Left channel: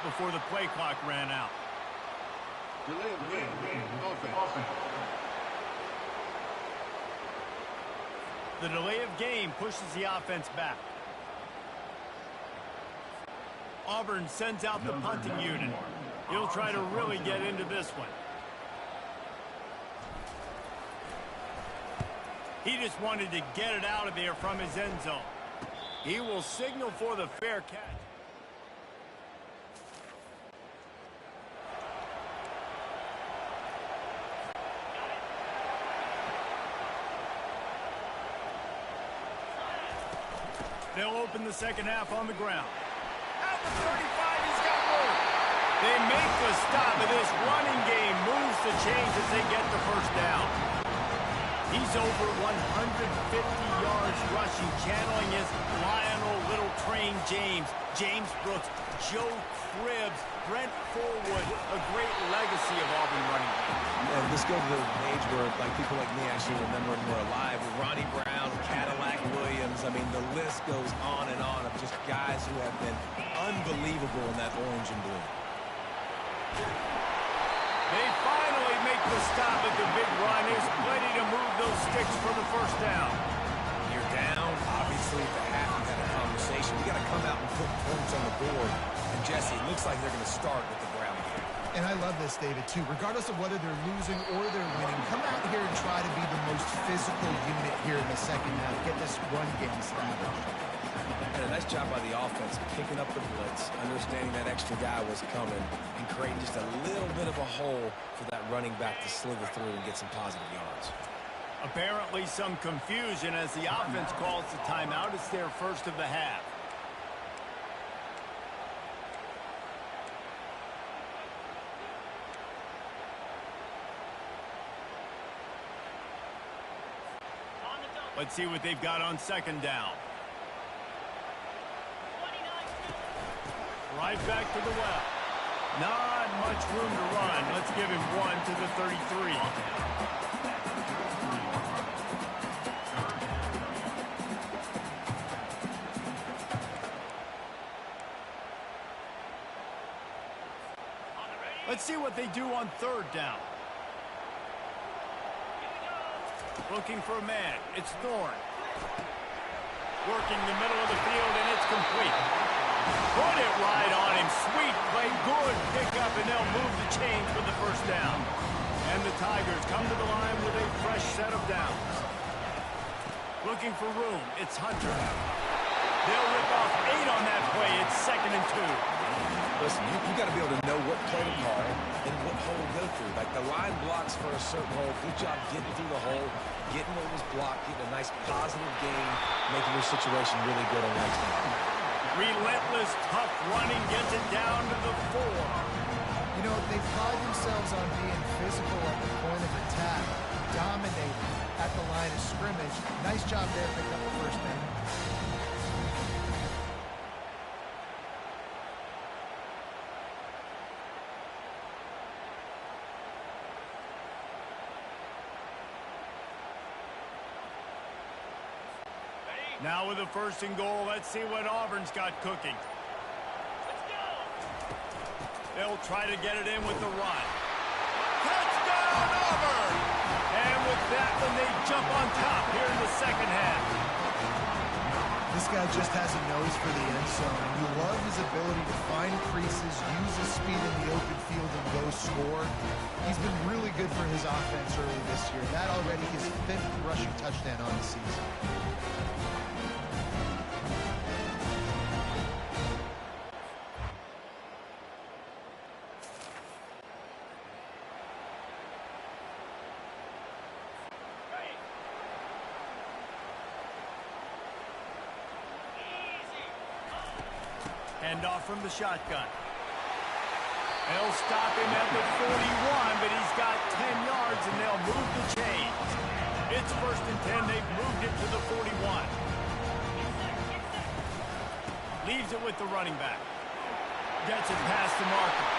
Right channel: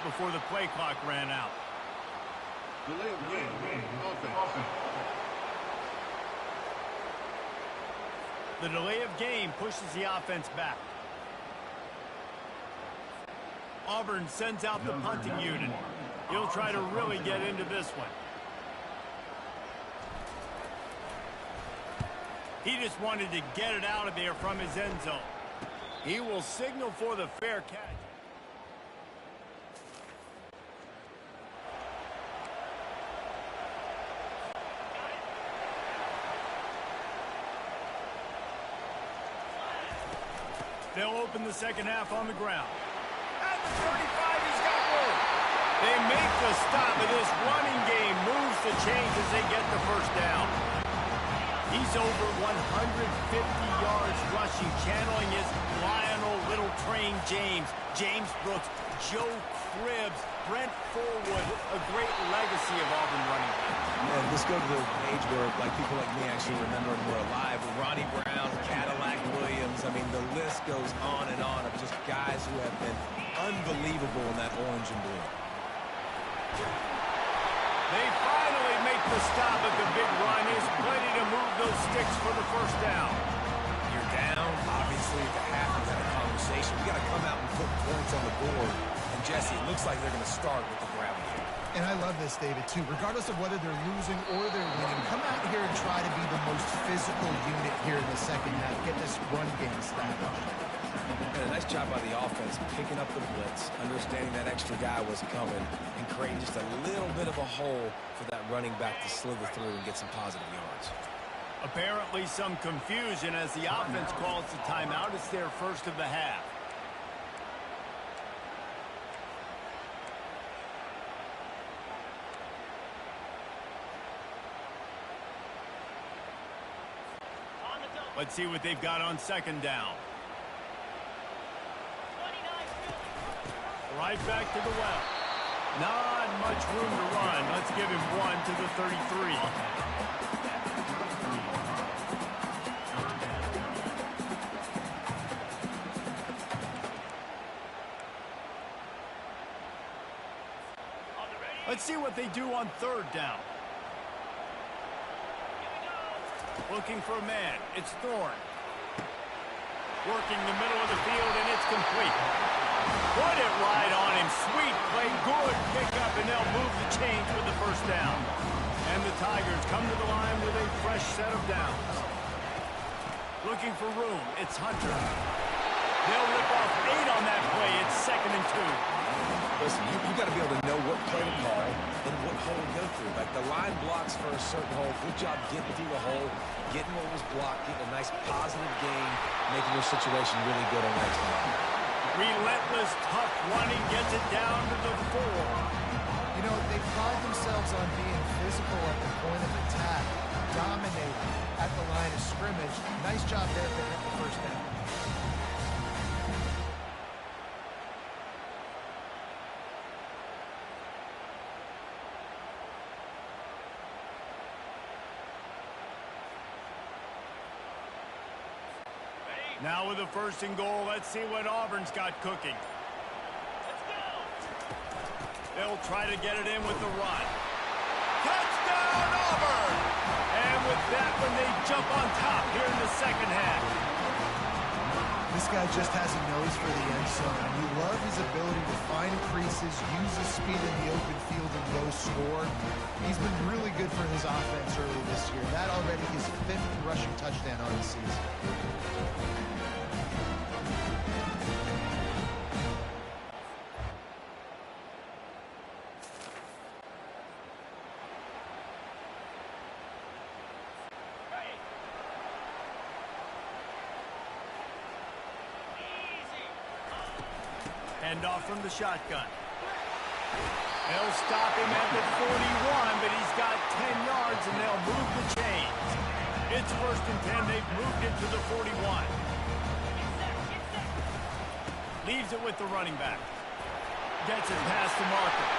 that before the play clock ran out. Delay of game. Offense. The delay of game pushes the offense back. Auburn sends out the punting unit. He'll try to really get into this one. He just wanted to get it out of there from his end zone. He will signal for the fair catch. They'll open the second half on the ground. At the 35, he's got room. They make the stop, but this running game moves the chains as they get the first down. He's over 150 yards rushing, channeling his Lionel Little Train James, James Brooks, Joe Cribbs, Brent Fullwood, a great legacy of Auburn running backs. And let's go to the age where people like me actually remember and were alive. Ronnie Brown, Cadillac Williams. I mean, the list goes on and on of just guys who have been unbelievable in that orange and blue. They finally make the stop at the big run. Is plenty to move those sticks for the first down. You're down. Obviously, at the half, you've had a conversation. We got to come out and put points on the board. And, Jesse, it looks like they're going to start with the ground game. And I love this, David, too. Regardless of whether they're losing or they're winning, come out here and try to be the most physical unit here in the second half. Get this run game established. And a nice job by the offense picking up the blitz, understanding that extra guy was coming, and creating just a little bit of a hole for that running back to slither through and get some positive yards. Apparently some confusion as the offense calls the timeout. It's their first of the half. Let's see what they've got on second down. Right back to the well. Not much room to run. Let's give him one to the 33. Let's see what they do on third down. Looking for a man. It's Thorne. Working the middle of the field, and it's complete. Put it right on him. Sweet play. Good pickup, and they'll move the chains for the first down. And the Tigers come to the line with a fresh set of downs. Looking for room. It's Hunter. They'll rip off 8 on that play. It's 2nd and 2. Listen, you got to be able to know what play to call and what hole to go through. Like the line blocks for a certain hole. Good job getting through the hole, getting what was blocked, getting a nice positive gain, making your situation really good on next time. Relentless, tough running gets it down to the 4. You know, they pride themselves on being physical at the point of attack, dominating at the line of scrimmage. Nice job there picking up the first down. Now with the 1st and goal, let's see what Auburn's got cooking. Let's go! They'll try to get it in with the run. Touchdown, Auburn! And with that one, they jump on top here in the second half. This guy just has a nose for the end zone, and we love his ability to find creases, use his speed in the open field, and go score. He's been really good for his offense early this year. That already his 5th rushing touchdown on the season. Hand off from the shotgun. They'll stop him at the 41, but he's got 10 yards, and they'll move the chains. It's 1st and 10. They've moved it to the 41. Leaves it with the running back. Gets it past the marker.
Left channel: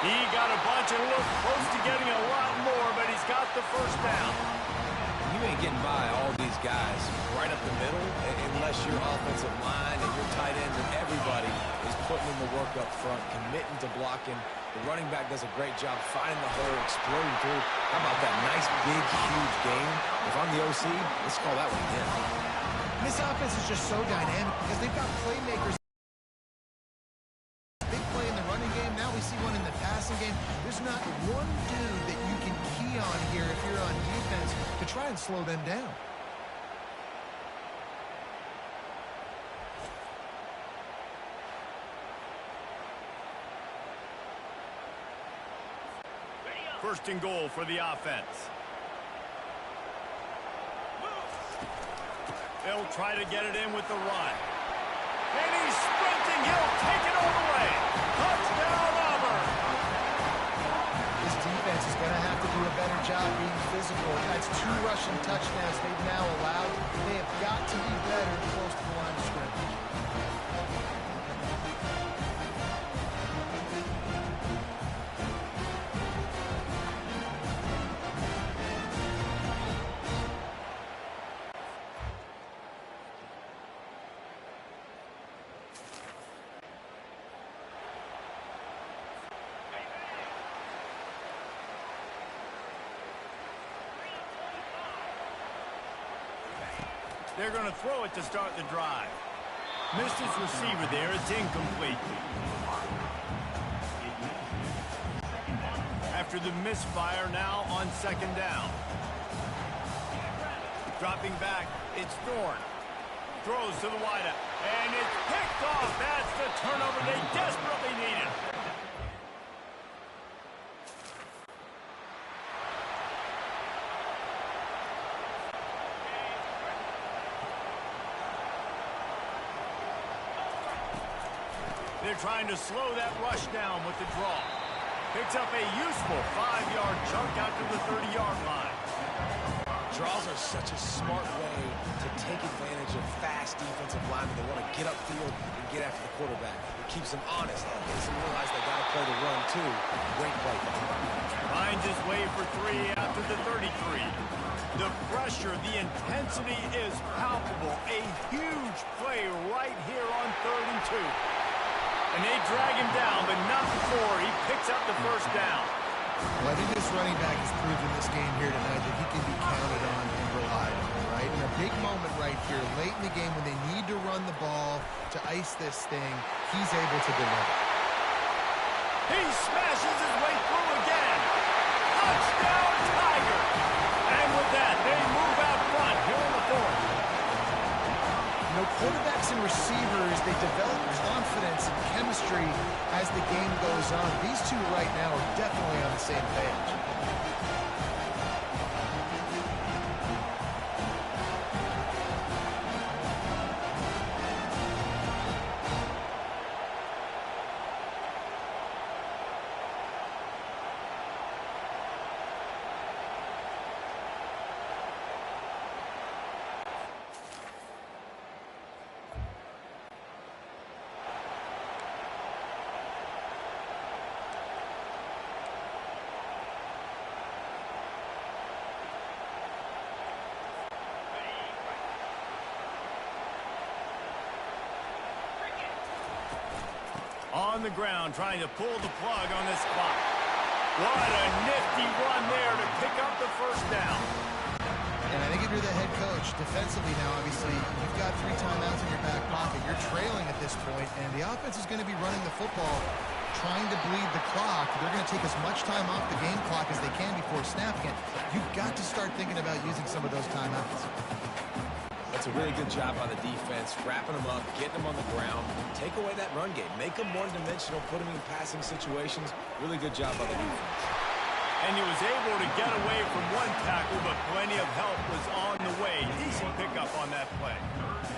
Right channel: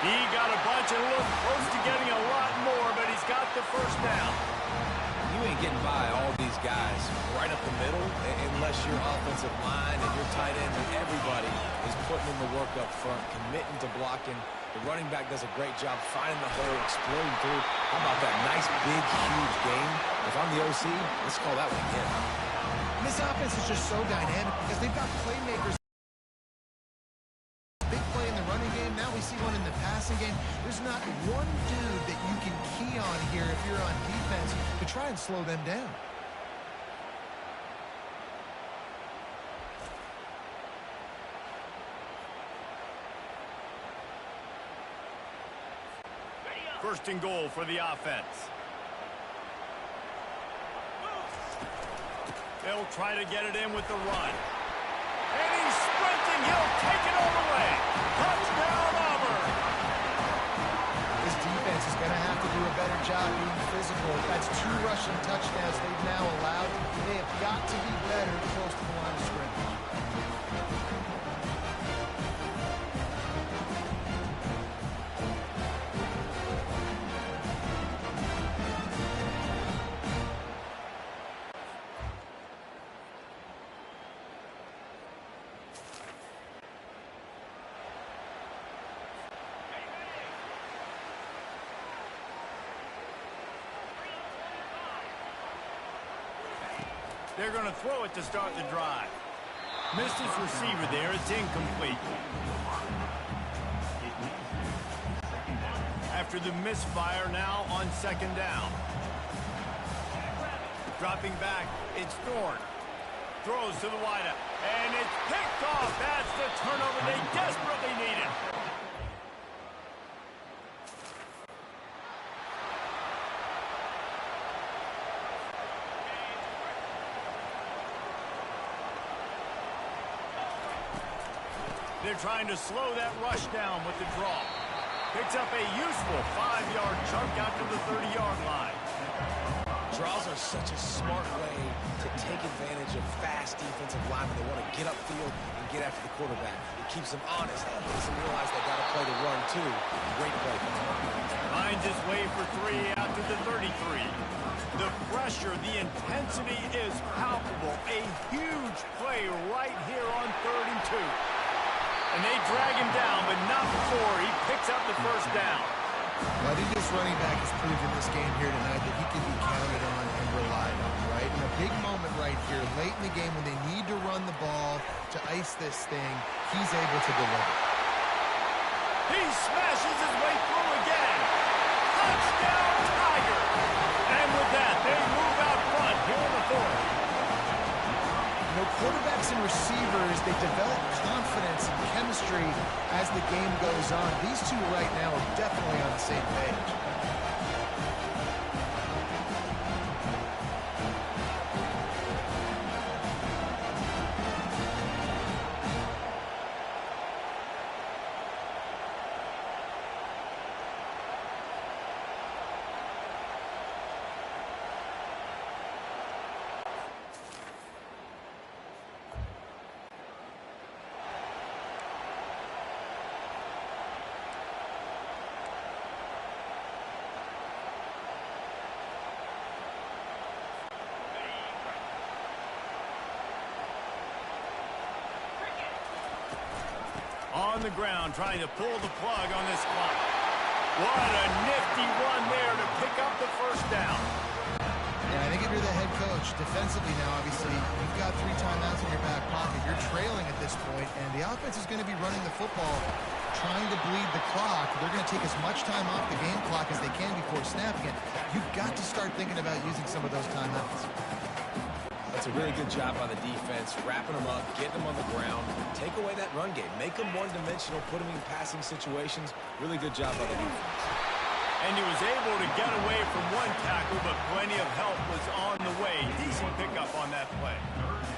He got a bunch and looked close to getting a lot more, but he's got the first down. You ain't getting by all these guys right up the middle, unless your offensive line and your tight ends and everybody is putting in the work up front, committing to blocking. The running back does a great job finding the hole, exploding through. How about that nice, big, huge game? If I'm the OC, let's call that one again. This offense is just so dynamic because they've got playmakers. Big play in the running game. Now we see one in the passing game. There's not one dude that you can key on here if you're on defense to try and slow them down. First and goal for the offense. They'll try to get it in with the run. And he's sprinting. He'll take it all the way. Touchdown, Auburn. This defense is going to have to do a better job being physical. That's 2 rushing touchdowns they've now allowed. They have got to be better close to the line of scrimmage. They're going to throw it to start the drive. Missed his receiver there. It's incomplete. After the misfire, now on second down. Dropping back, it's Thorne. Throws to the wideout, and it's picked off. That's the turnover they desperately needed. They're trying to slow that rush down with the draw. Picks up a useful 5-yard chunk out to the 30-yard line. Draws are such a smart way to take advantage of fast defensive linemen. They want to get upfield and get after the quarterback. It keeps them honest. That makes them realize they got to play the run, too. Great play. Finds his way for 3 out to the 33. The pressure, the intensity is palpable. A huge play right here on 3rd and 2. And they drag him down, but not before he picks up the first down. Well, I think this running back has proved in this game here tonight that he can be counted on and relied on, right? In a big moment right here, late in the game when they need to run the ball to ice this thing, he's able to deliver. He smashes his way through again. Touchdown, Tiger. And with that, they move out front here in the 4th. You know, quarterbacks and receivers, they develop confidence and chemistry as the game goes on. These two right now are definitely on the same page. On the ground, trying to pull the plug on this clock. What a nifty run there to pick up the first down. And I think if you're the head coach, defensively now, obviously, you've got 3 timeouts in your back pocket. You're trailing at this point, and the offense is going to be running the football, trying to bleed the clock. They're going to take as much time off the game clock as they can before snapping it. You've got to start thinking about using some of those timeouts. That's a really good job by the defense, wrapping them up, getting them on the ground, take away that run game, make them one-dimensional, put them in passing situations. Really good job by the defense. And he was able to get away from one tackle, but plenty of help was on the way. Decent pickup on that play.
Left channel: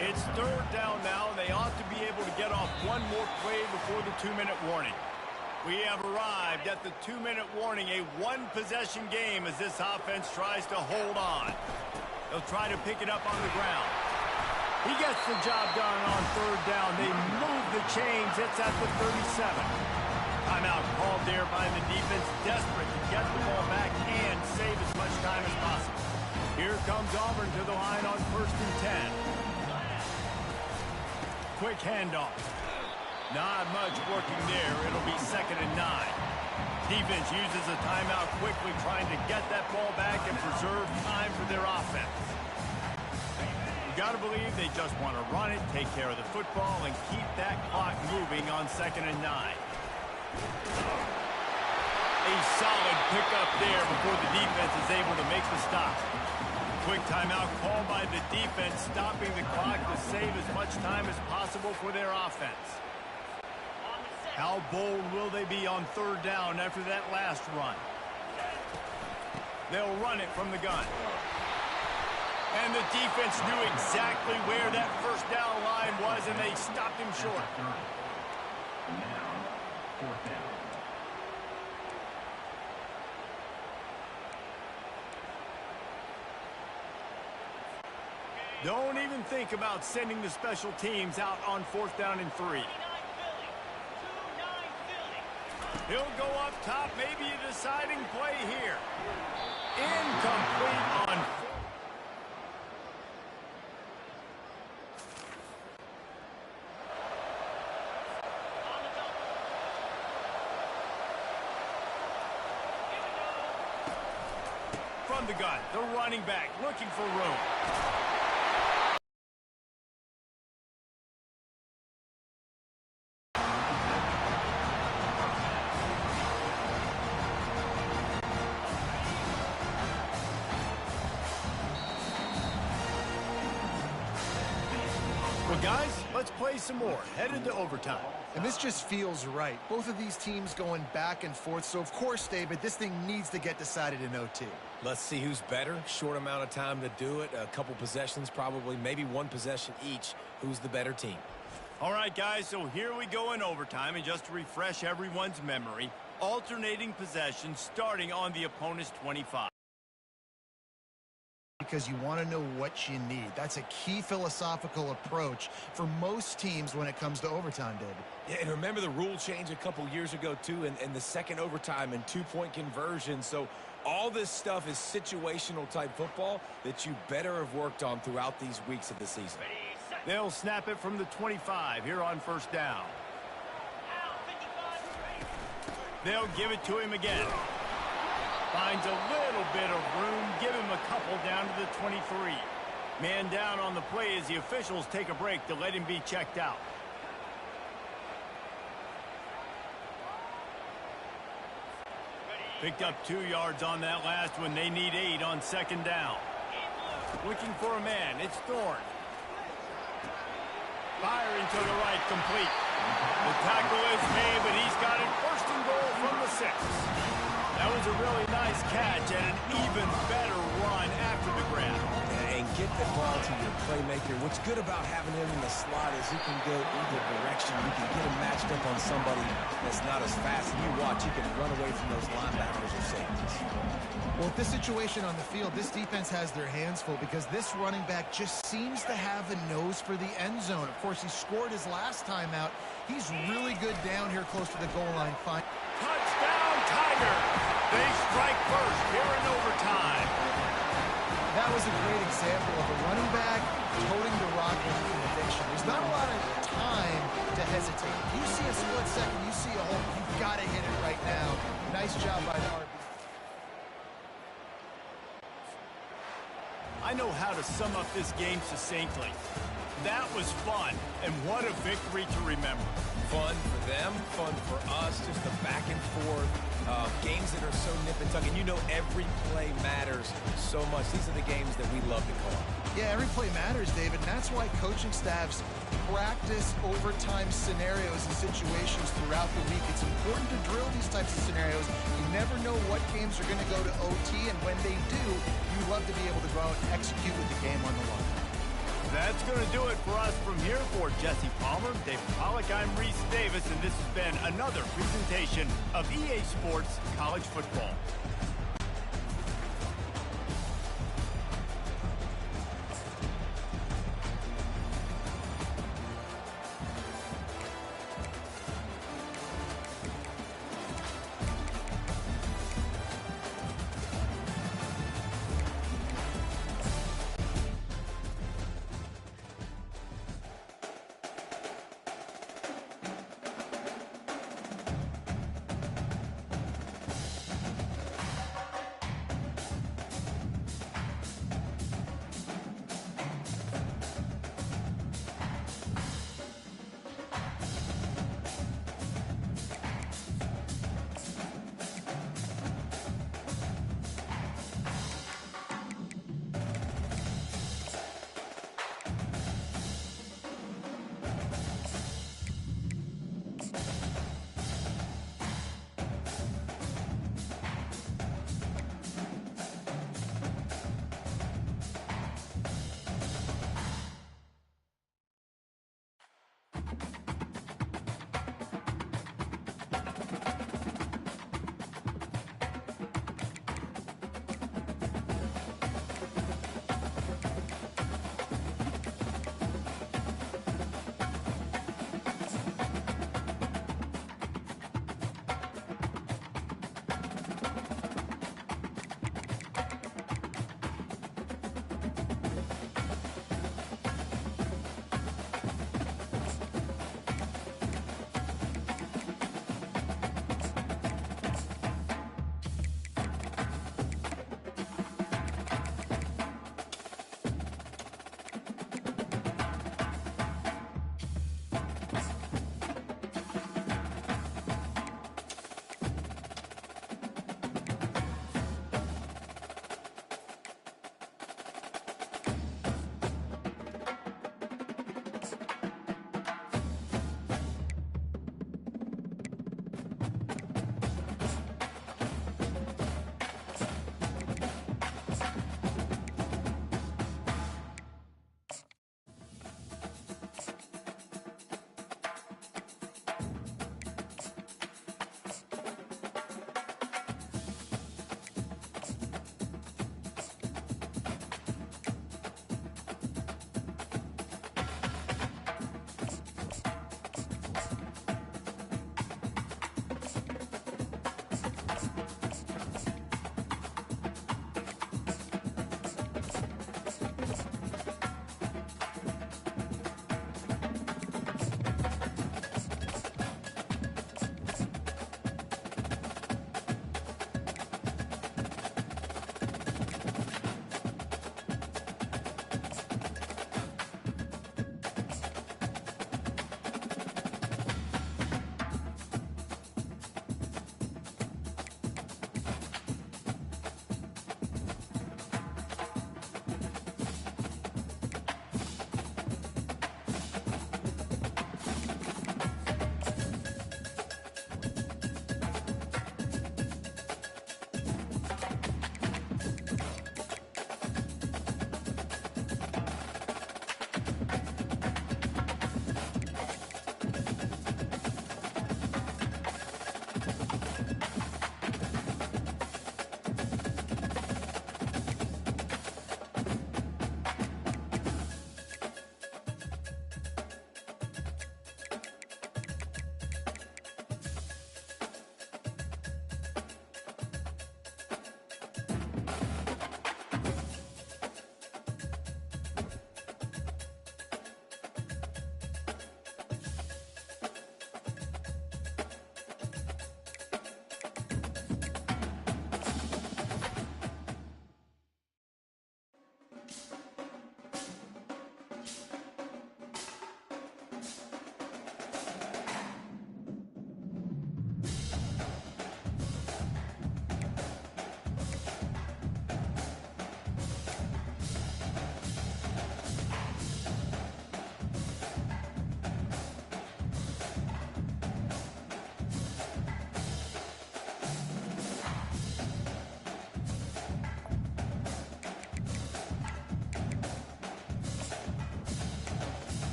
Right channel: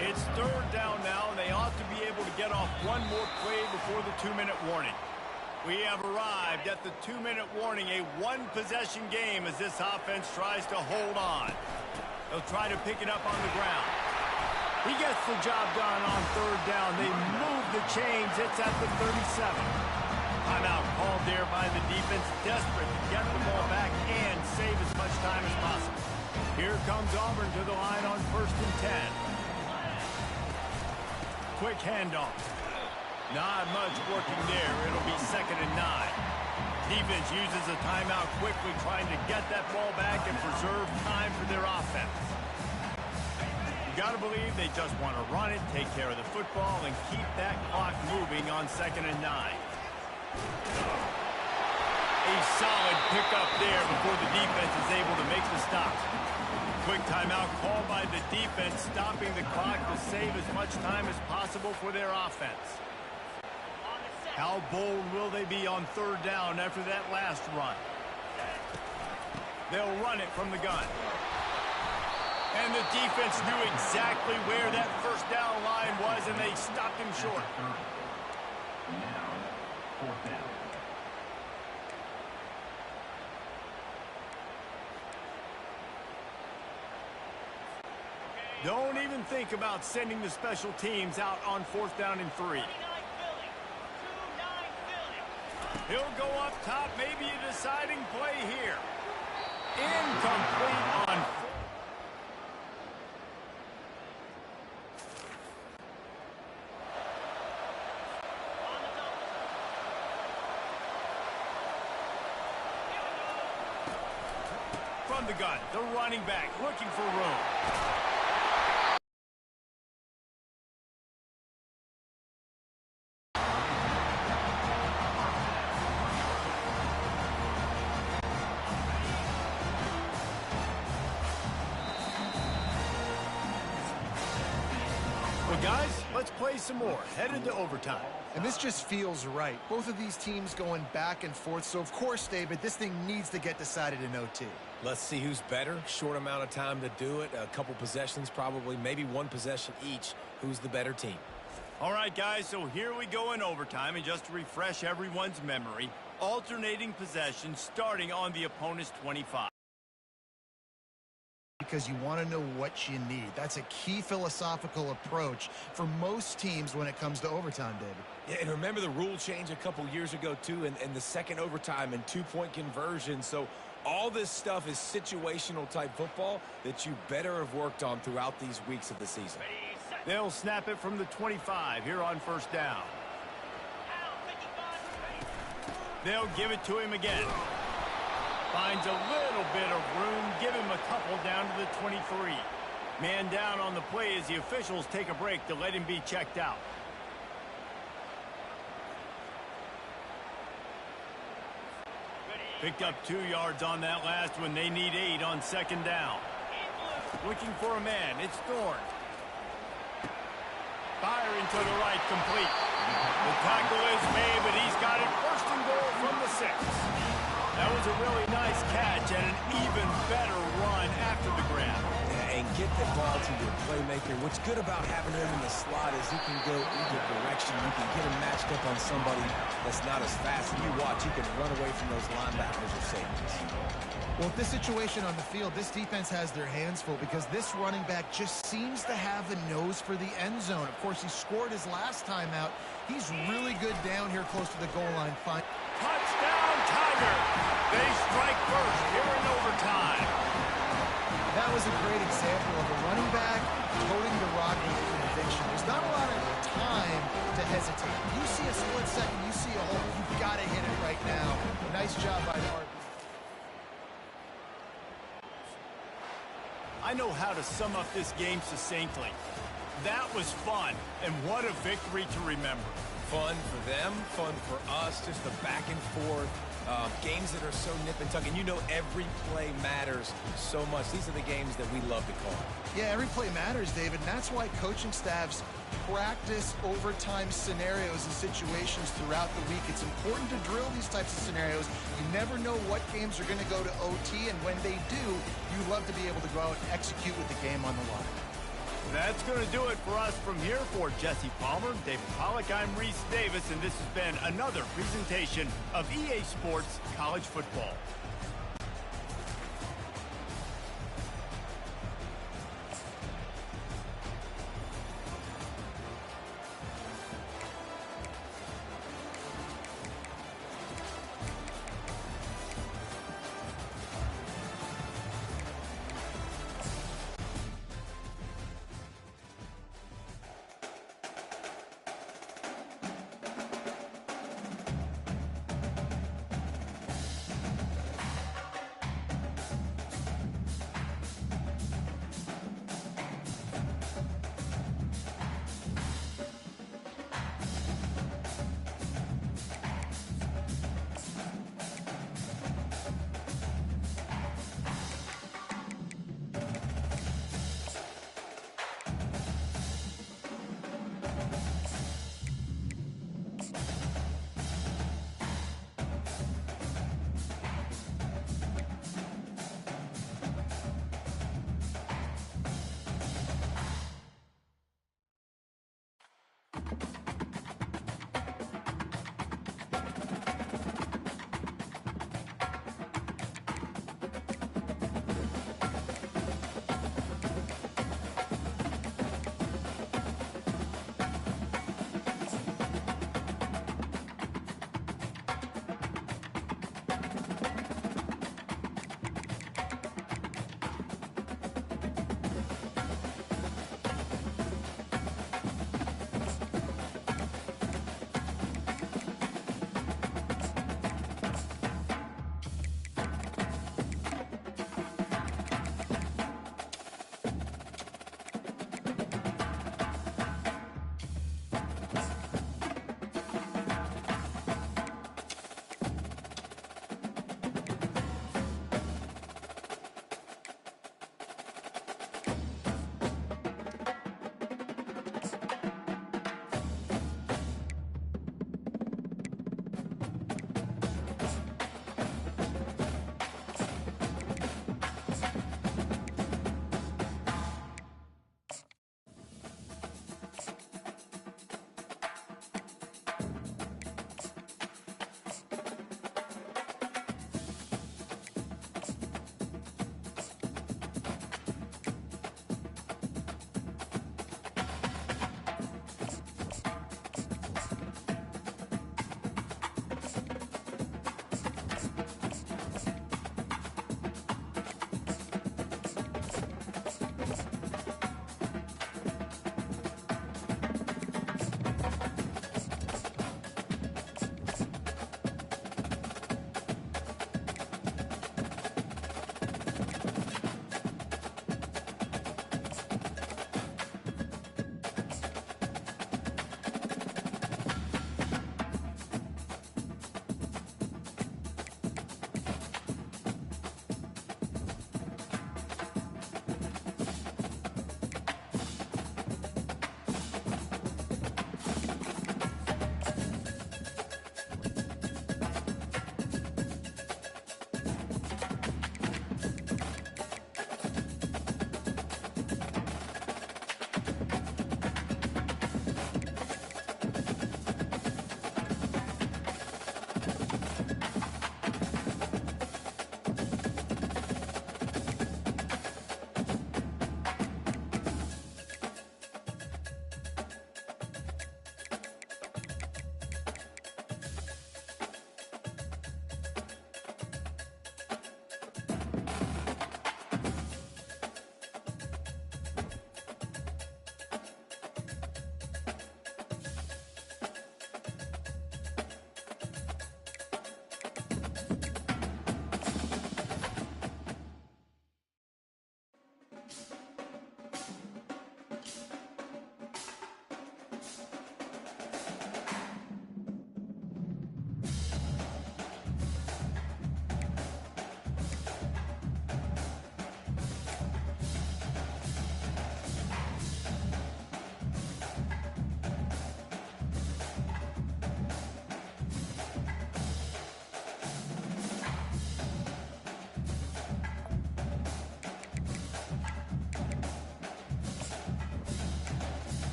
It's 3rd down now, and they ought to be able to get off one more play before the 2-minute warning. We have arrived at the 2-minute warning, a 1-possession game as this offense tries to hold on. They'll try to pick it up on the ground. He gets the job done on 3rd down. They move the chains. It's at the 37. Timeout called there by the defense, desperate to get the ball back and save as much time as possible. Here comes Auburn to the line on 1st and 10. Quick handoff. Not much working there. It'll be 2nd and 9. Defense uses a timeout quickly, trying to get that ball back and preserve time for their offense. You got to believe they just want to run it, take care of the football, and keep that clock moving on 2nd and 9. A solid pickup there before the defense is able to make the stop. Quick timeout called by the defense, stopping the clock to save as much time as possible for their offense. How bold will they be on 3rd down after that last run? They'll run it from the gun. And the defense knew exactly where that 1st down line was, and they stopped him short. Now, 4th down. Don't even think about sending the special teams out on 4th down and 3. He'll go up top, maybe a deciding play here. Incomplete on 4th. From the gun, the running back looking for room. Well, guys, let's play some more. Headed to overtime. And this just feels right. Both of these teams going back and forth. So, of course, David, this thing needs to get decided in OT. Let's see who's better. Short amount of time to do it. A couple possessions probably, maybe one possession each. Who's the better team? All right, guys, so here we go in overtime. And just to refresh everyone's memory, alternating possessions starting on the opponent's 25. Because you want to know what you need. That's a key philosophical approach for most teams when it comes to overtime, David. Yeah, and remember the rule change a couple years ago, too, and the second overtime and 2-point conversion. So all this stuff is situational type football that you better have worked on throughout these weeks of the season. They'll snap it from the 25 here on 1st down. They'll give it to him again. Finds a little bit of room. Give him a couple down to the 23. Man down on the play as the officials take a break to let him be checked out. Picked up 2 yards on that last one. They need 8 on 2nd down. Looking for a man. It's Thorne. Firing to the right, complete. The tackle is made, but he's got it 1st and goal from the 6. That was a really nice catch and an even better run after the grab. And get the ball to your playmaker. What's good about having him in the slot is he can go either direction. You can get him matched up on somebody that's not as fast. And you watch, he can run away from those linebackers or safeties. Well, with this situation on the field, this defense has their hands full because this running back just seems to have a nose for the end zone. Of course, he scored his last time out. He's really good down here close to the goal line. Fine. Touchdown, Tiger! They strike first here in overtime. That was a great example of a running back toting the rock with conviction. There's not a lot of time to hesitate. You see a split second, you see a hole, you've got to hit it right now. Nice job by the RB. I know how to sum up this game succinctly. That was fun, and what a victory to remember. Fun for them, fun for us, just the back and forth. Games that are so nip and tuck, and you know every play matters so much. These are the games that we love to call. Yeah, every play matters, David, and that's why coaching staffs practice overtime scenarios and situations throughout the week. It's important to drill these types of scenarios. You never know what games are going to go to OT, and when they do, you love to be able to go out and execute with the game on the line. That's going to do it for us from here. For Jesse Palmer, David Pollack, I'm Reese Davis, and this has been another presentation of EA Sports College Football.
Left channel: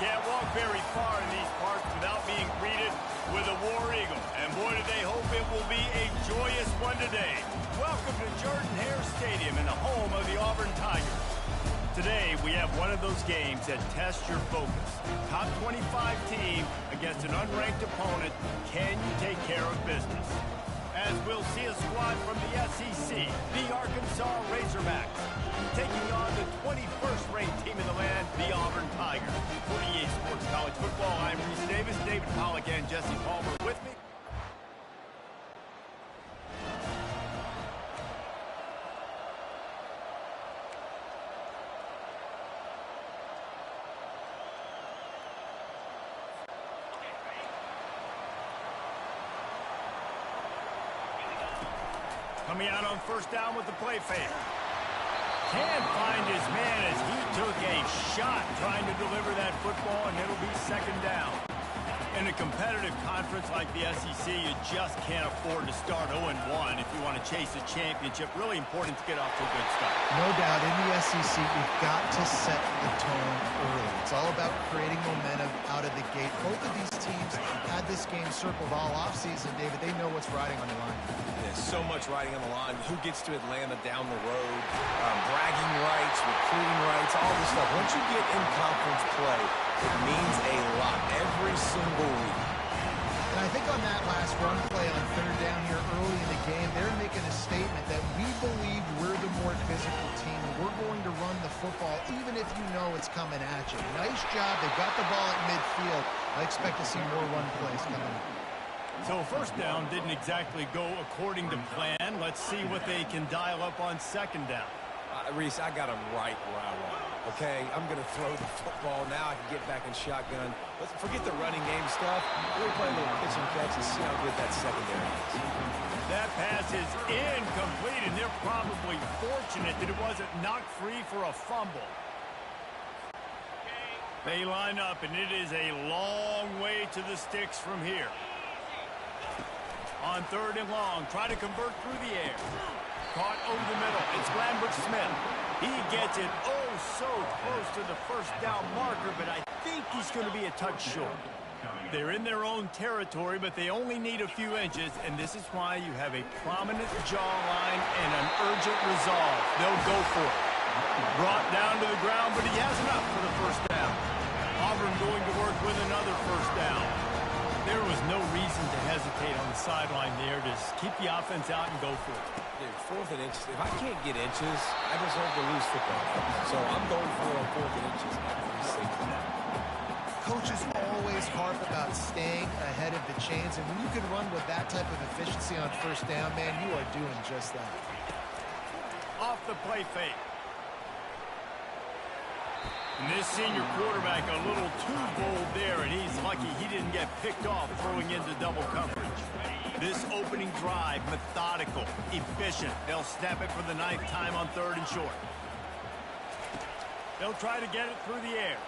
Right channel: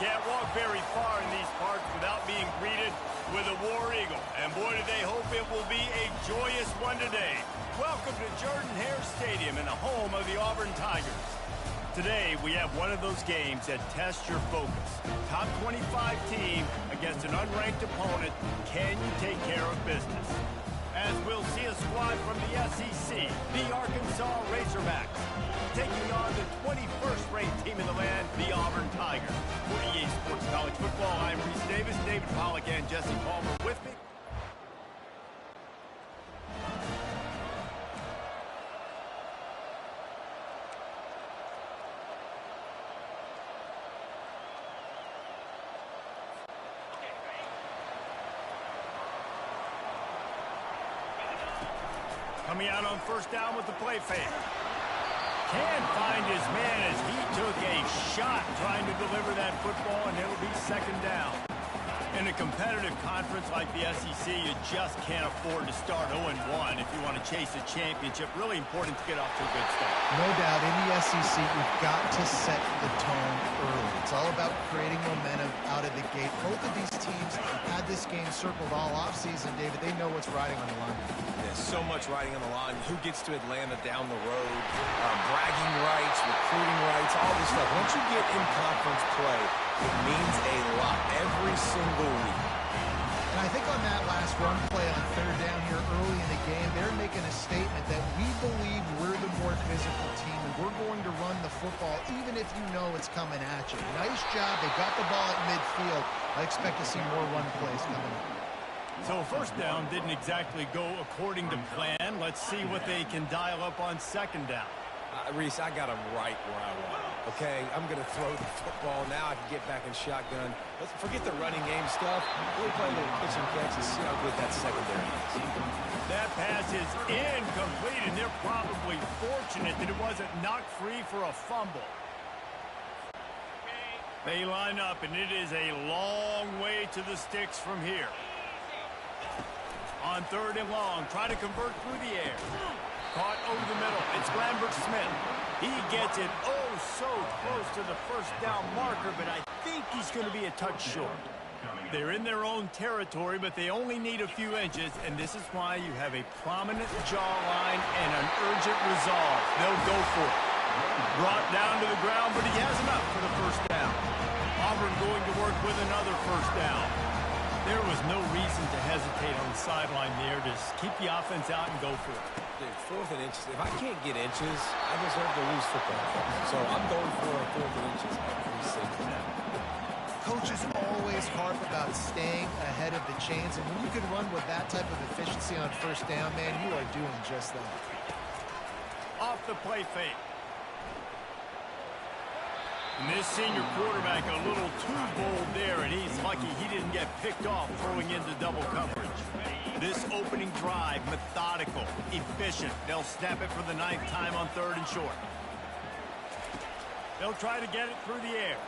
Can't walk very far in these parts without being greeted with a War Eagle. And boy, do they hope it will be a joyous one today. Welcome to Jordan-Hare Stadium and the home of the Auburn Tigers. Today, we have one of those games that tests your focus. Top 25 team against an unranked opponent. Can you take care of business? As we'll see a squad from the SEC, the Arkansas Razorbacks, taking on the 21st ranked team in the land, the Auburn Tigers. For EA Sports College Football, I'm Reese Davis, David Pollack, and Jesse Palmer with me. Coming out on first down with the play fake. Can't find his man as he took a shot trying to deliver that football, and it'll be second down. In a competitive conference like the SEC, you just can't afford to start 0-1 if you want to chase a championship. Really important to get off to a good start. No doubt, in the SEC, you've got to set the tone early. It's all about creating momentum out of the gate. Both of these teams had this game circled all offseason, David. They know what's riding on the line. There's so much riding on the line. Who gets to Atlanta down the road? Bragging rights, recruiting rights, all this stuff. Once you get in conference play, it means a lot every single week. And I think on that last run play on third down here early in the game, they're making a statement that we believe we're the more physical team and we're going to run the football even if you know it's coming at you. Nice job. They got the ball at midfield. I expect to see more run plays coming up. So first down didn't exactly go according to plan. Let's see what they can dial up on second down. Reese, I got him right where I want him, okay? I'm going to throw the football. Now I can get back in shotgun. Let's forget the running game stuff. We'll play a little pitch and catch and see how good that secondary is. That pass is incomplete, and they're probably fortunate that it wasn't knocked free for a fumble. They line up, and it is a long way to the sticks from here. On third and long, try to convert through the air. Caught over the middle. It's Lambert-Smith. He gets it so close to the first down marker, but I think he's going to be a touch short. They're in their own territory, but they only need a few inches, and this is why you have a prominent jawline and an urgent resolve. They'll go for it. Brought down to the ground, but he has enough for the first down. Auburn going to work with another first down. There was no reason to hesitate on the sideline there. Just keep the offense out and go for it. Dude, fourth and inches. If I can't get inches, I deserve to lose football games. So I'm going for it on fourth and inches every single time. Coaches always harp about staying ahead of the chains, and when you can run with that type of efficiency on first down, man, you are doing just that. Off the play fake. And this senior quarterback a little too bold there, and he's lucky he didn't get picked off throwing into double coverage. This opening drive, methodical, efficient. They'll snap it for the 9th time on third and short. They'll try to get it through the air.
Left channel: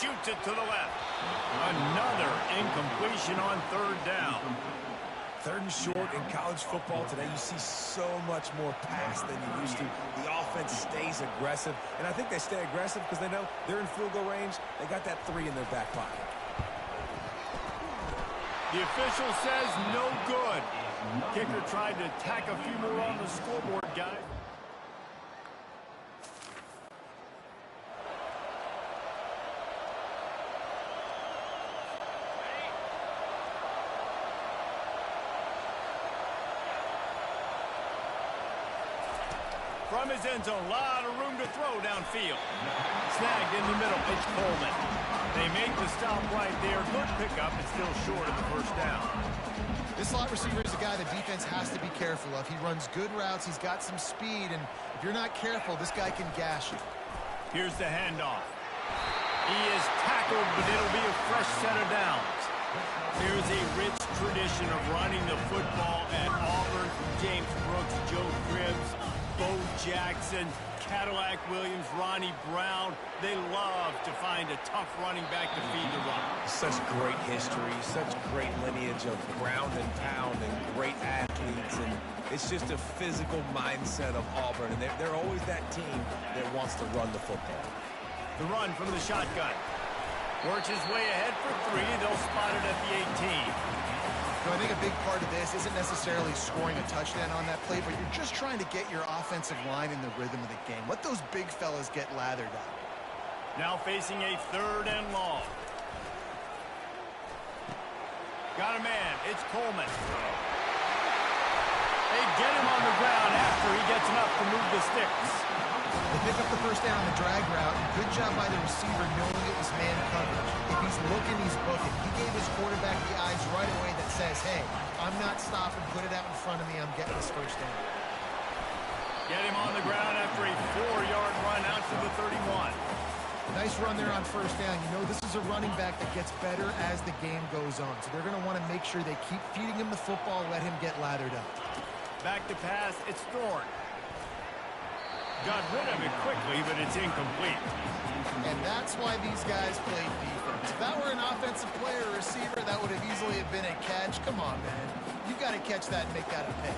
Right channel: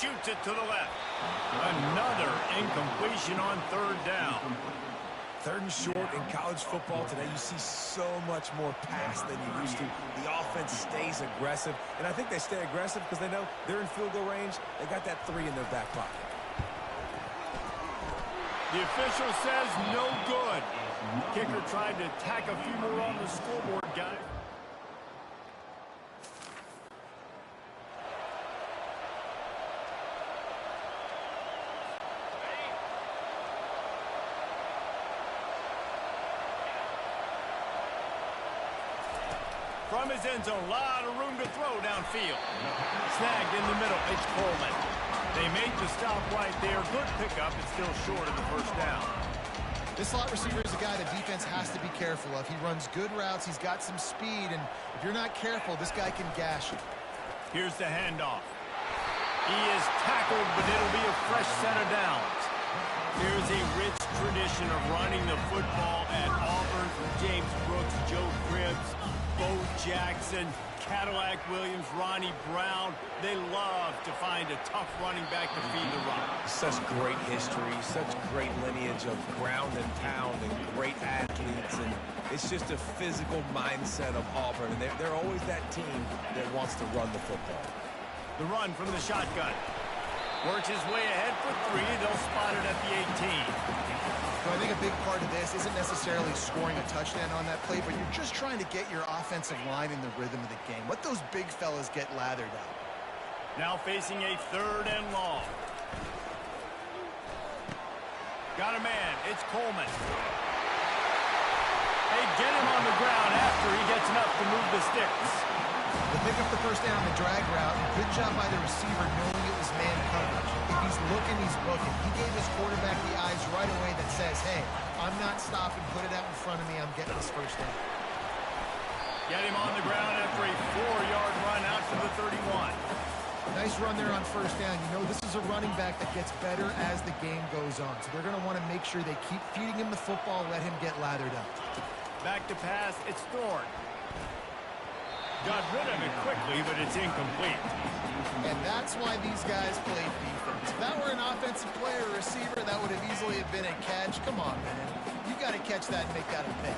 Shoots it to the left. Another incompletion on third down. Third and short in college football today, you see so much more pass than you used to. The offense stays aggressive, and I think they stay aggressive because they know they're in field goal range. They got that 3 in their back pocket. The official says no good. Kicker tried to tack a few more on the scoreboard, guys. From his end zone, a lot of room to throw downfield. Snagged in the middle, it's Coleman. They make the stop right there. Good pickup, but still short of the first down. This slot receiver is a guy the defense has to be careful of. He runs good routes, he's got some speed, and if you're not careful, this guy can gash you. Here's the handoff. He is tackled, but it'll be a fresh set of downs. There's a rich tradition of running the football at Auburn from James Brooks, Joe Cribbs, Bo Jackson, Cadillac Williams, Ronnie Brown. They love to find a tough running back to feed the run. Such great history, such great lineage of ground and pound and great athletes. And it's just a physical mindset of Auburn. And they're always that team that wants to run the football. The run from the shotgun. Works his way ahead for 3. They'll spot it at the 18. So I think a big part of this isn't necessarily scoring a touchdown on that play, but you're just trying to get your offensive line in the rhythm of the game. Let those big fellas get lathered up. Now facing a 3rd and long. Got a man. It's Coleman. They get him on the ground after he gets enough to move the sticks. They pick up the first down on the drag route. Good job by the receiver knowing it was man coverage. If he's looking, he's booking. He gave his quarterback the eyes right away that says, hey, I'm not stopping. Put it out in front of me. I'm getting this first down. Get him on the ground after a 4-yard run out to the 31. Nice run there on first down. You know, this is a running back that gets better as the game goes on. So they're going to want to make sure they keep feeding him the football, let him get lathered up. Back to pass. It's Thorne. Got rid of it quickly, but it's incomplete. And that's why these guys play defense. If that were an offensive player or receiver, that would have easily have been a catch. Come on, man. You got to catch that and make that a pick.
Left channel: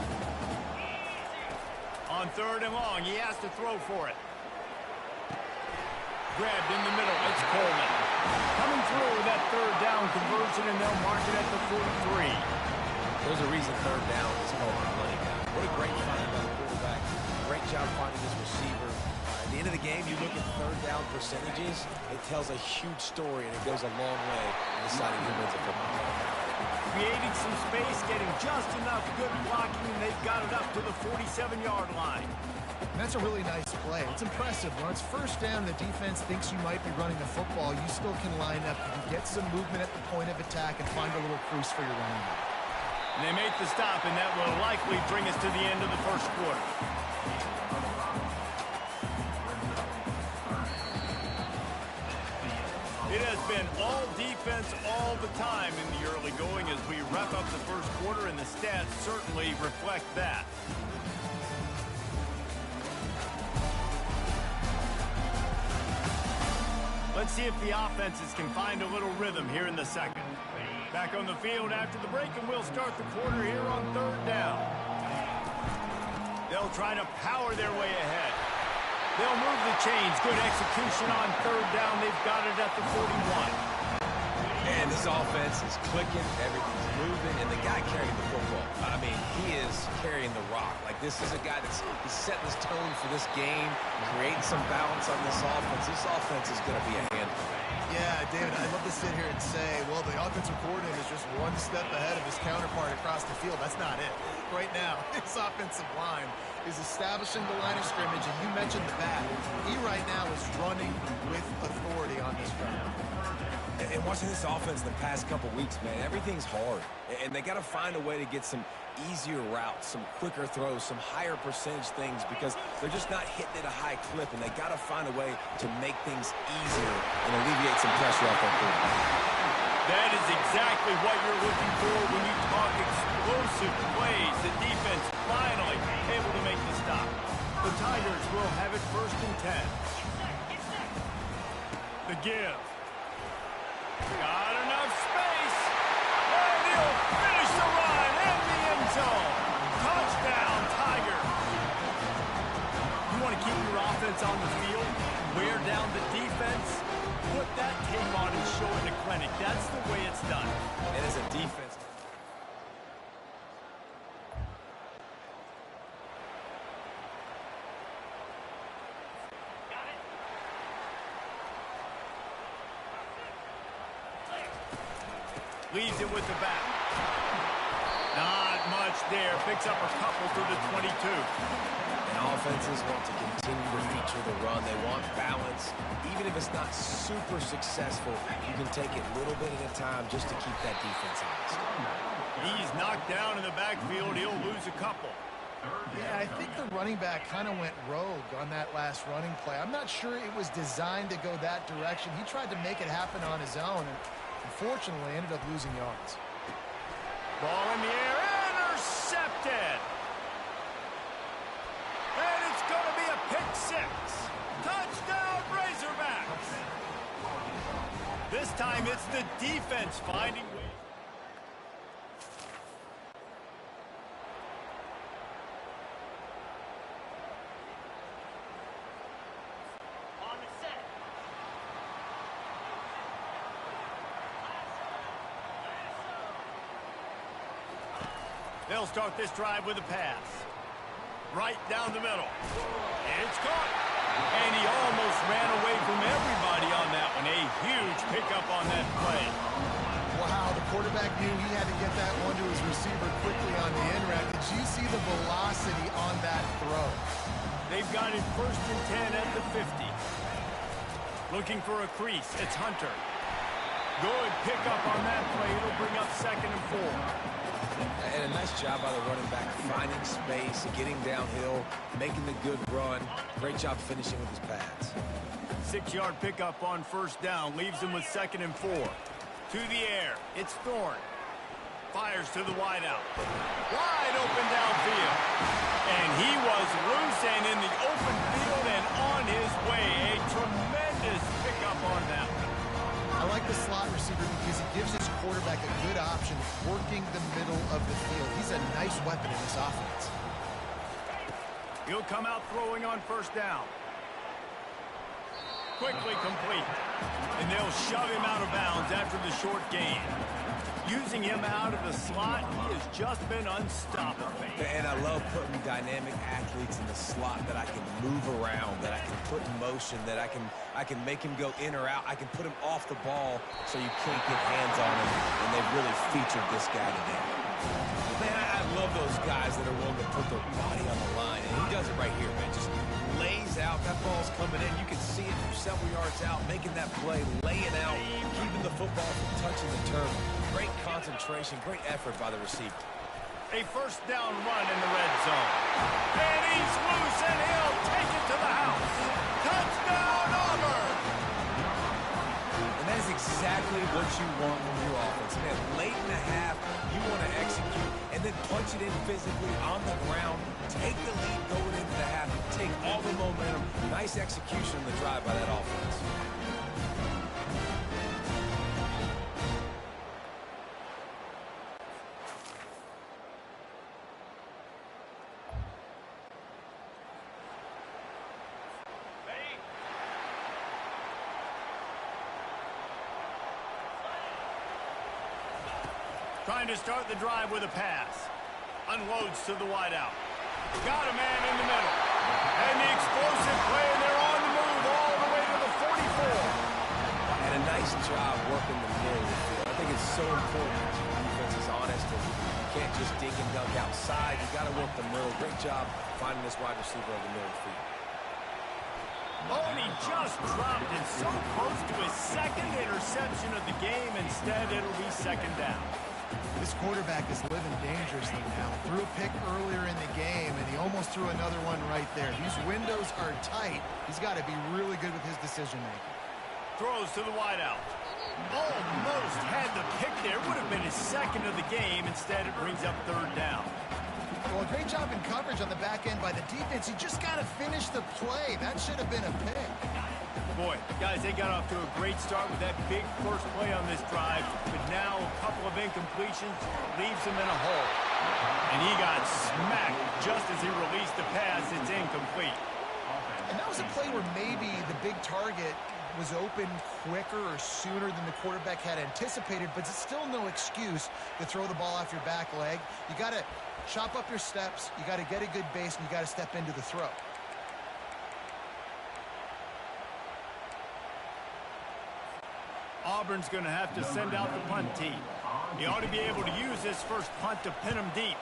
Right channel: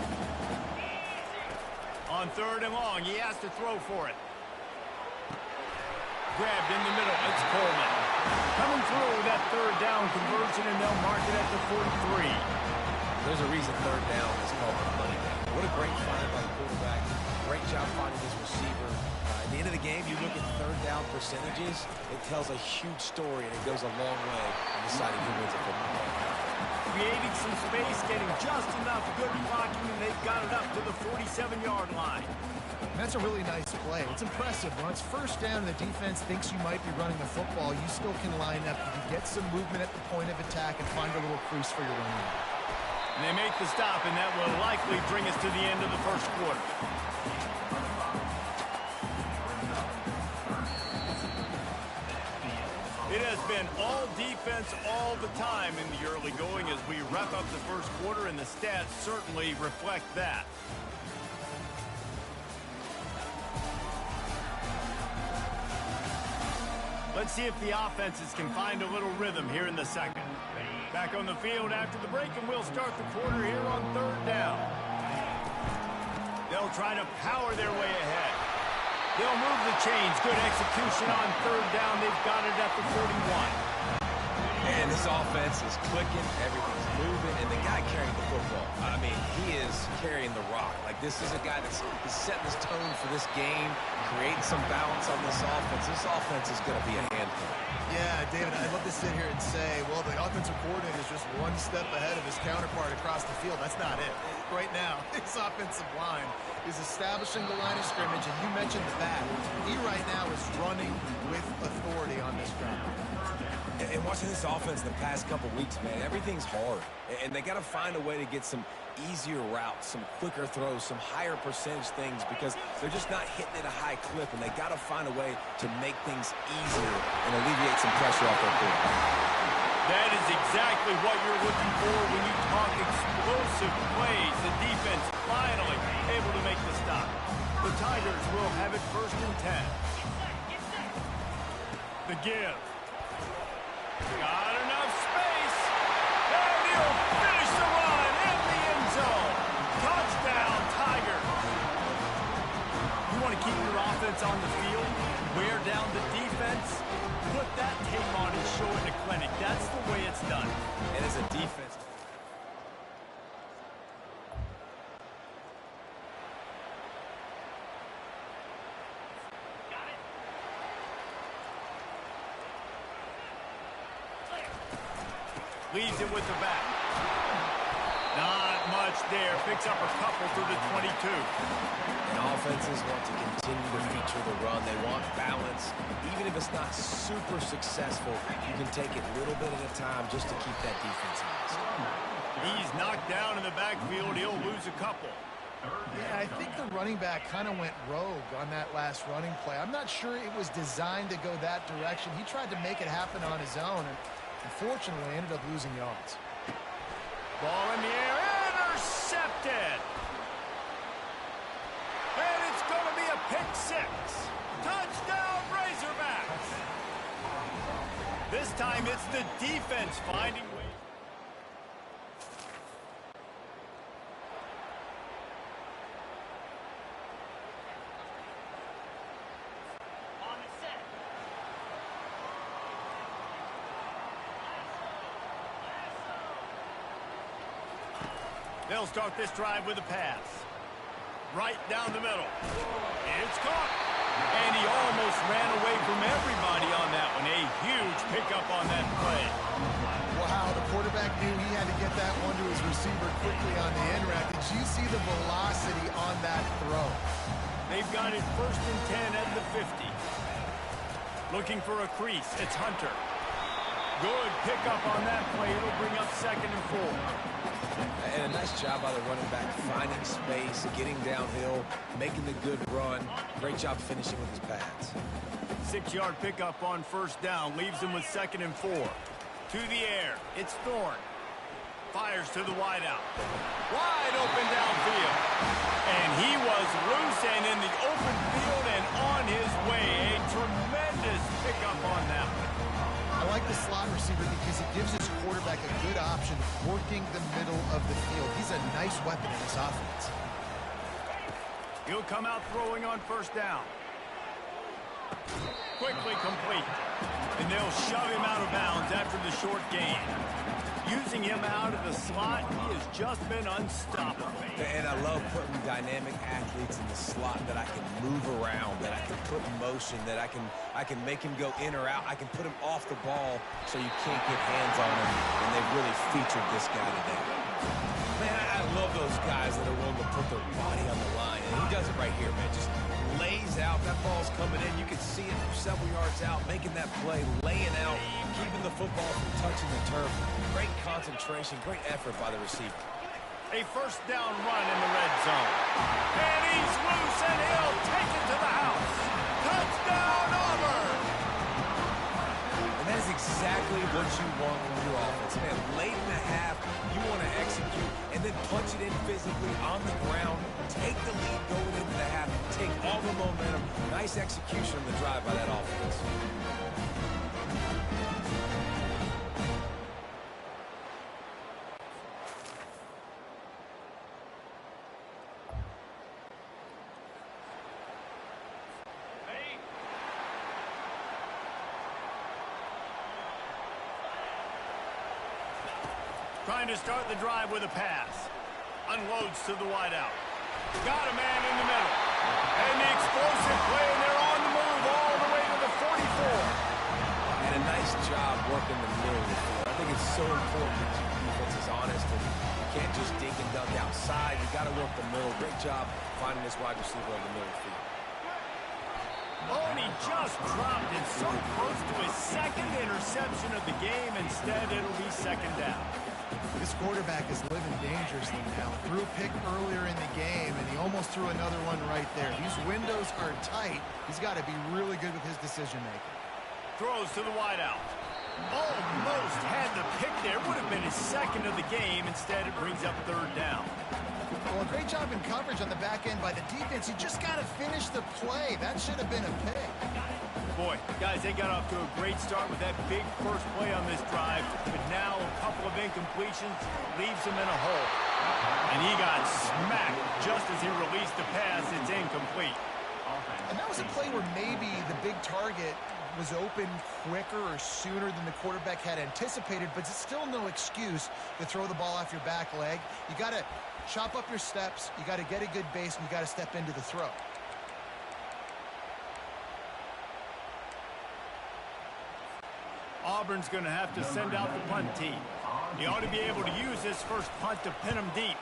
On 3rd and long, he has to throw for it. Grabbed in the middle. It's Coleman. Coming through with that 3rd down conversion, and they'll mark it at the 43. There's a reason 3rd down is called the money down. What a great find by the quarterback. Great job finding his receiver. At the end of the game, you look at 3rd down percentages, it tells a huge story, and it goes a long way in deciding who wins a football game. Creating some space, getting just enough good blocking, and they've got it up to the 47-yard line. And that's a really nice play. It's impressive. When it's first down and the defense thinks you might be running the football, you still can line up. You can get some movement at the point of attack and find a little crease for your running back. And they make the stop, and that will likely bring us to the end of the first quarter. It has been all defense all the time in the early going as we wrap up the first quarter, and the stats certainly reflect that. Let's see if the offenses can find a little rhythm here in the second. Back on the field after the break, and we'll start the quarter here on 3rd down. They'll try to power their way ahead. They'll move the chains. Good execution on 3rd down. They've got it at the 41. And this offense is clicking, everything's moving, and the guy carrying the football, I mean, he is carrying the rock. Like, this is a guy he's setting this tone for this game, creating some balance on this offense. This offense is going to be a handful. Yeah, David, I'd love to sit here and say, well, the offensive coordinator is just one step ahead of his counterpart across the field. That's not it. Right now, his offensive line is establishing the line of scrimmage, and you mentioned the back. He right now is running with authority on this drive. And watching this offense the past couple weeks, man, everything's hard. And they got to find a way to get some easier routes, some quicker throws, some higher percentage things because they're just not hitting at a high clip, and they got to find a way to make things easier and alleviate some pressure off their quarterback. That is exactly what you're looking for when you talk explosive plays. The defense finally able to make the stop. The Tigers will have it 1st and 10. The give. Got enough space. And he'll finish the run in the end zone. Touchdown, Tigers. You want to keep your offense on the field, wear down the defense, put that tape on and show it in a clinic. That's the way it's done. And as a defense, leaves it with the back. Not much there. Picks up a couple to the 22. and offenses want to continue to feature the run. They want balance. Even if it's not super successful, you can take it a little bit at a time just to keep that defense honest. He's knocked down in the backfield. He'll lose a couple. Yeah, I think the running back kind of went rogue on that last running play. I'm not sure it was designed to go that direction. He tried to make it happen on his own, and unfortunately ended up losing yards. Ball in the air, intercepted. And it's going to be a pick six. Touchdown, Razorbacks. This time it's the defense finding ways. They'll start this drive with a pass. Right down the middle. It's caught. And he almost ran away from everybody on that one. A huge pickup on that play. Wow, the quarterback knew he had to get that one to his receiver quickly on the end route. Did you see the velocity on that throw? They've got it 1st and 10 at the 50. Looking for a crease. It's Hunter. Good pickup on that play. It'll bring up 2nd and 4. And a nice job by the running back, finding space, getting downhill, making the good run. Great job finishing with his pads. 6-yard pickup on 1st down. Leaves him with 2nd and 4. To the air. It's Thorne. Fires to the wideout. Wide open downfield. And he was loose and in the open field and on his way. A tremendous pickup on that one. I like the slot receiver because he gives his quarterback a good option working the middle of the field. He's a nice weapon in this offense. He'll come out throwing on 1st down. Quickly complete. And they'll shove him out of bounds after the short gain. Using him out of the slot, he has just been unstoppable. And I love putting dynamic athletes in the slot that I can move around, that I can put in motion, that I can make him go in or out. I can put him off the ball so you can't get hands on him, and they've really featured this guy today. Man, I love those guys that are willing to put their body on the line, and he does it right here, man. Just lays out. That ball's coming in. You can see it from several yards out, making that play, laying out, keeping the football from touching the turf. Great concentration, great effort by the receiver. A 1st down run in the red zone. And he's loose, and he'll take it to the house. Touchdown, Auburn! And that is exactly what you want from your offense. Man, late in the half, you want to execute and then punch it in physically on the ground. Take the lead going into the half. Take all the momentum. Nice execution on the drive by that offense. Trying to start the drive with a pass. Unloads to the wideout. Got a man in the middle. And the explosive play, and they're on the move all the way to the 44. And a nice job working the middle of the field. I think it's so important to keep defenses honest, and you can't just dink and dunk outside. You got to work the middle. Great job finding this wide receiver on the middle of the field. Oh, and he just dropped it so close to his 2nd interception of the game. Instead, it'll be 2nd down. This quarterback is living dangerously now. Threw a pick earlier in the game, and he almost threw another one right there. These windows are tight. He's got to be really good with his decision-making. Throws to the wideout. Almost had the pick there. Would have been his 2nd of the game. Instead, it brings up 3rd down. Well, a great job in coverage on the back end by the defense. You just got to finish the play. That should have been a pick. Boy, guys, they got off to a great start with that big first play on this drive, but now a couple of incompletions leaves him in a hole. And he got smacked just as he released the pass. It's incomplete. And that was a play where maybe the big target was open quicker or sooner than the quarterback had anticipated, but it's still no excuse to throw the ball off your back leg. You got to chop up your steps, you got to get a good base, and you got to step into the throw. Auburn's going to have to send out the punt team. He ought to be able to use this first punt to pin him deep.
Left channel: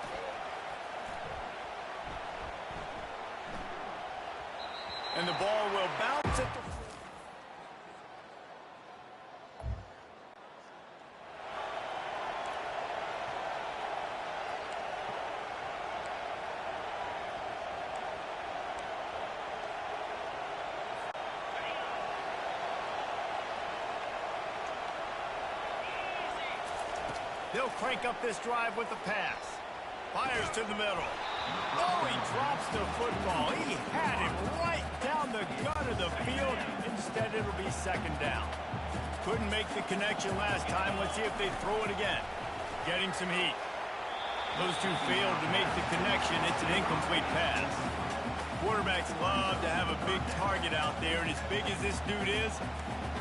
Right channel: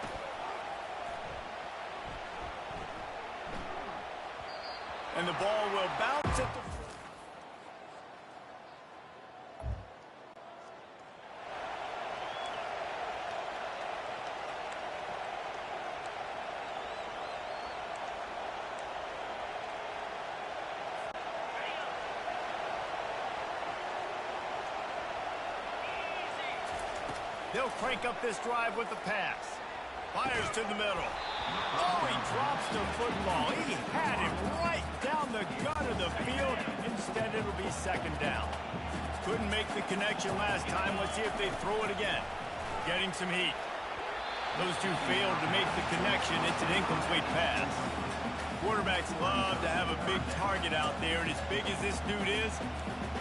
And the ball will bounce at the... They'll crank up this drive with the pass. Fires to the middle. Oh, he drops the football. He had it right down the gut of the field. Instead, it'll be 2nd down. Couldn't make the connection last time. Let's see if they throw it again. Getting some heat. Those two failed to make the connection. It's an incomplete pass. Quarterbacks love to have a big target out there, and as big as this dude is,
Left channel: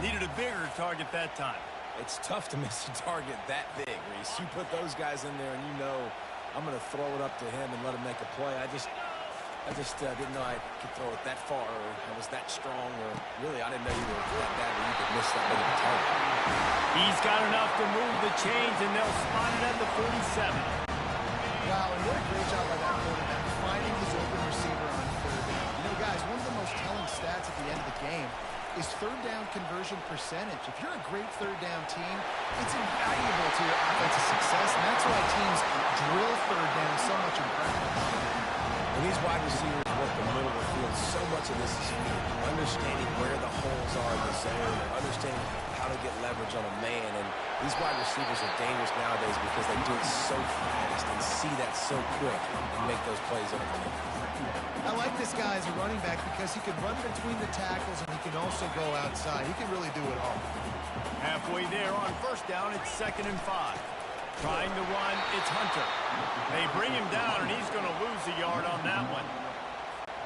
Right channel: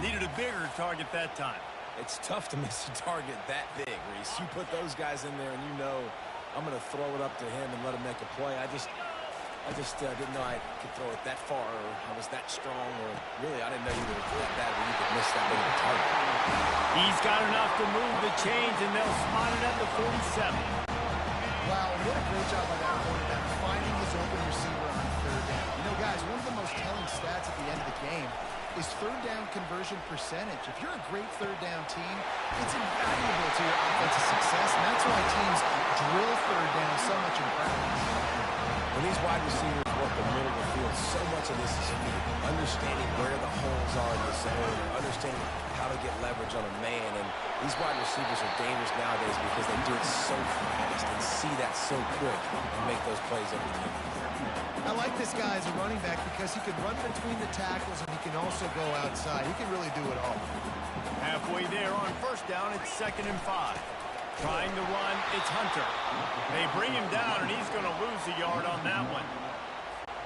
needed a bigger target that time. It's tough to miss a target that big, Reese. You put those guys in there, and you know I'm going to throw it up to him and let him make a play. I just didn't know I could throw it that far, or I was that strong, or really I didn't know you were that bad where you could miss that big of a target. He's got enough to move the chains, and they'll spot it at the 47. Wow, and what a great job by that quarterback finding his open receiver on third down. You know, guys, one of the most telling stats at the end of the game is third down conversion percentage. If you're a great third down team, it's invaluable to your offensive success, and that's why teams drill third down so much in practice. When these wide receivers work the middle of the field, so much of this is speed. Understanding where the holes are in the zone, or understanding how to get leverage on a man. And these wide receivers are dangerous nowadays because they do it so fast and see that so quick and make those plays over the middle. I like this guy as a running back because he can run between the tackles and he can also go outside. He can really do it all. Halfway there on first down, it's 2nd and 5. Trying to run, it's Hunter. They bring him down, and he's going to lose a yard on that one.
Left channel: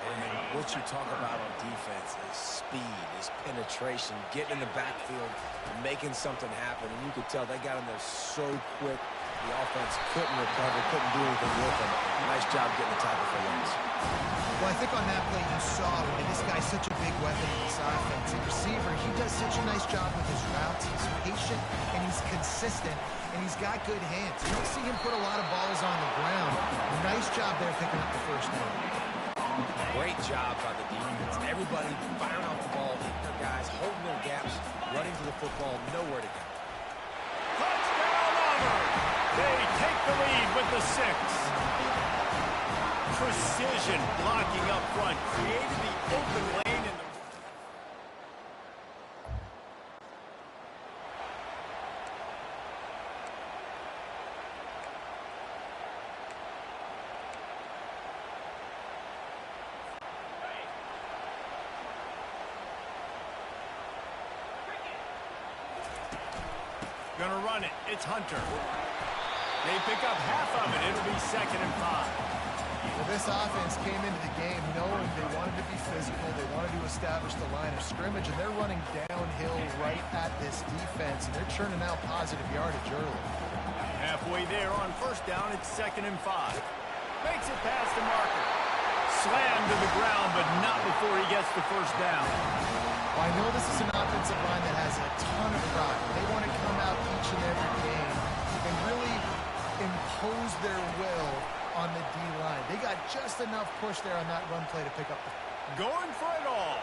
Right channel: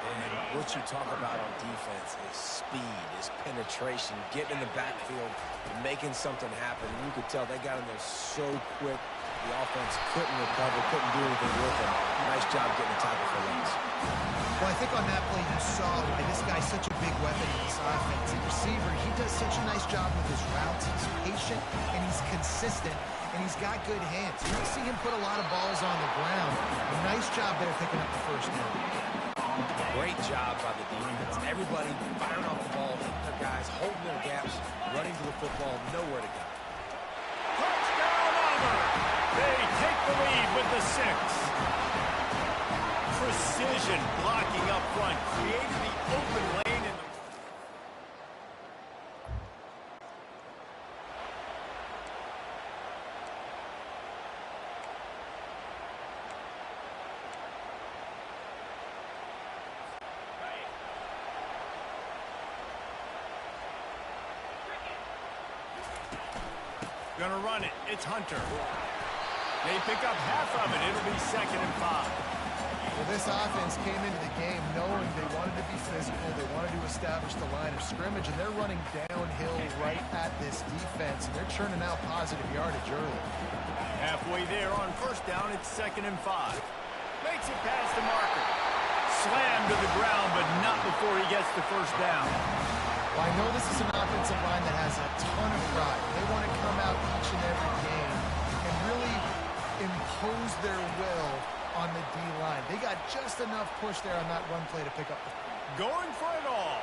And what you talk about on defense is speed, is penetration, getting in the backfield, and making something happen. And you could tell they got in there so quick, the offense couldn't recover, couldn't do anything with them. Nice job getting the tackle for loss. Well, I think on that play you saw why this guy's such a big weapon in this offense. A receiver, he does such a nice job with his routes. He's patient, and he's consistent, and he's got good hands. You don't see him put a lot of balls on the ground. Nice job there picking up the first down. Great job by the defense. Everybody firing off the ball, hitting their guys, holding their gaps, running to the football, nowhere to go. Touchdown, Auburn! They take the lead with the 6. Precision blocking up front created the open lane in the... Gonna run it. It's Hunter. They pick up half of it. It'll be 2nd and 5. Well, this offense came into the game knowing they wanted to be physical, they wanted to establish the line of scrimmage, and they're running downhill right at this defense, and they're churning out positive yardage early. Halfway there on first down, it's 2nd and 5. Makes it past the marker. Slammed to the ground, but not before he gets the first down. Well, I know this is an offensive line that has a ton of pride. They want to come out each and every game and really impose their will on the D-line. They got just enough push there on that run play to pick up the... Going for it all.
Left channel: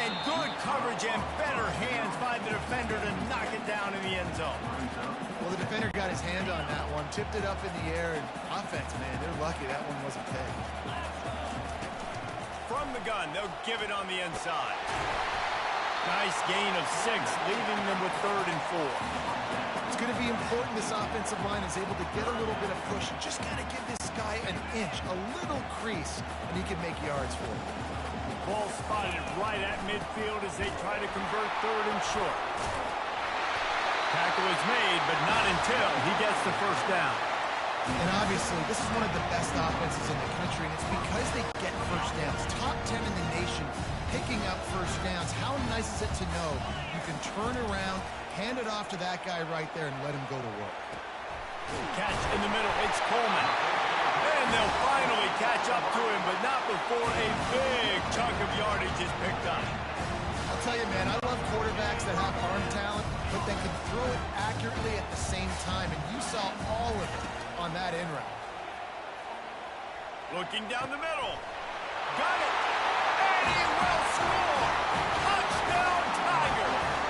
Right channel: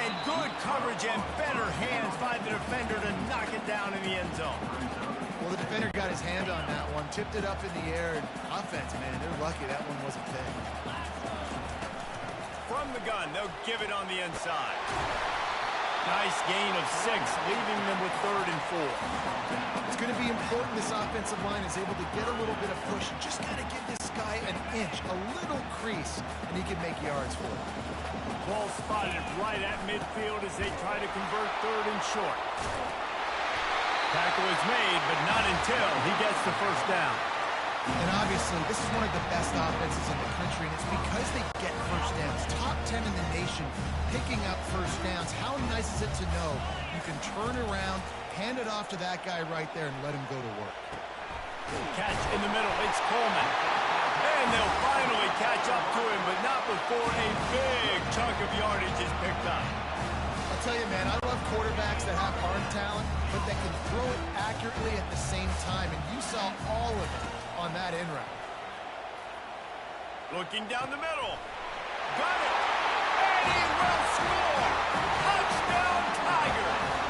And good coverage and better hands by the defender to knock it down in the end zone. Well, the defender got his hand on that one, tipped it up in the air, and offense, man, they're lucky that one wasn't picked. From the gun, they'll give it on the inside. Nice gain of 6, leaving them with 3rd and 4. It's going to be important this offensive line is able to get a little bit of push and just got to give this guy an inch, a little crease, and he can make yards for it. Ball spotted right at midfield as they try to convert 3rd and short. Tackle is made, but not until he gets the first down. And obviously, this is one of the best offenses in the country, and it's because they get first downs. Top 10 in the nation picking up first downs. How nice is it to know you can turn around, hand it off to that guy right there, and let him go to work. Catch in the middle. It's Coleman. And they'll finally catch up to him, but not before a big chunk of yardage is picked up. I'll tell you, man, I love quarterbacks that have arm talent, but that can throw it accurately at the same time, and you saw all of it on that in route. Looking down the middle. Got it. And he will score. Touchdown, Tigers.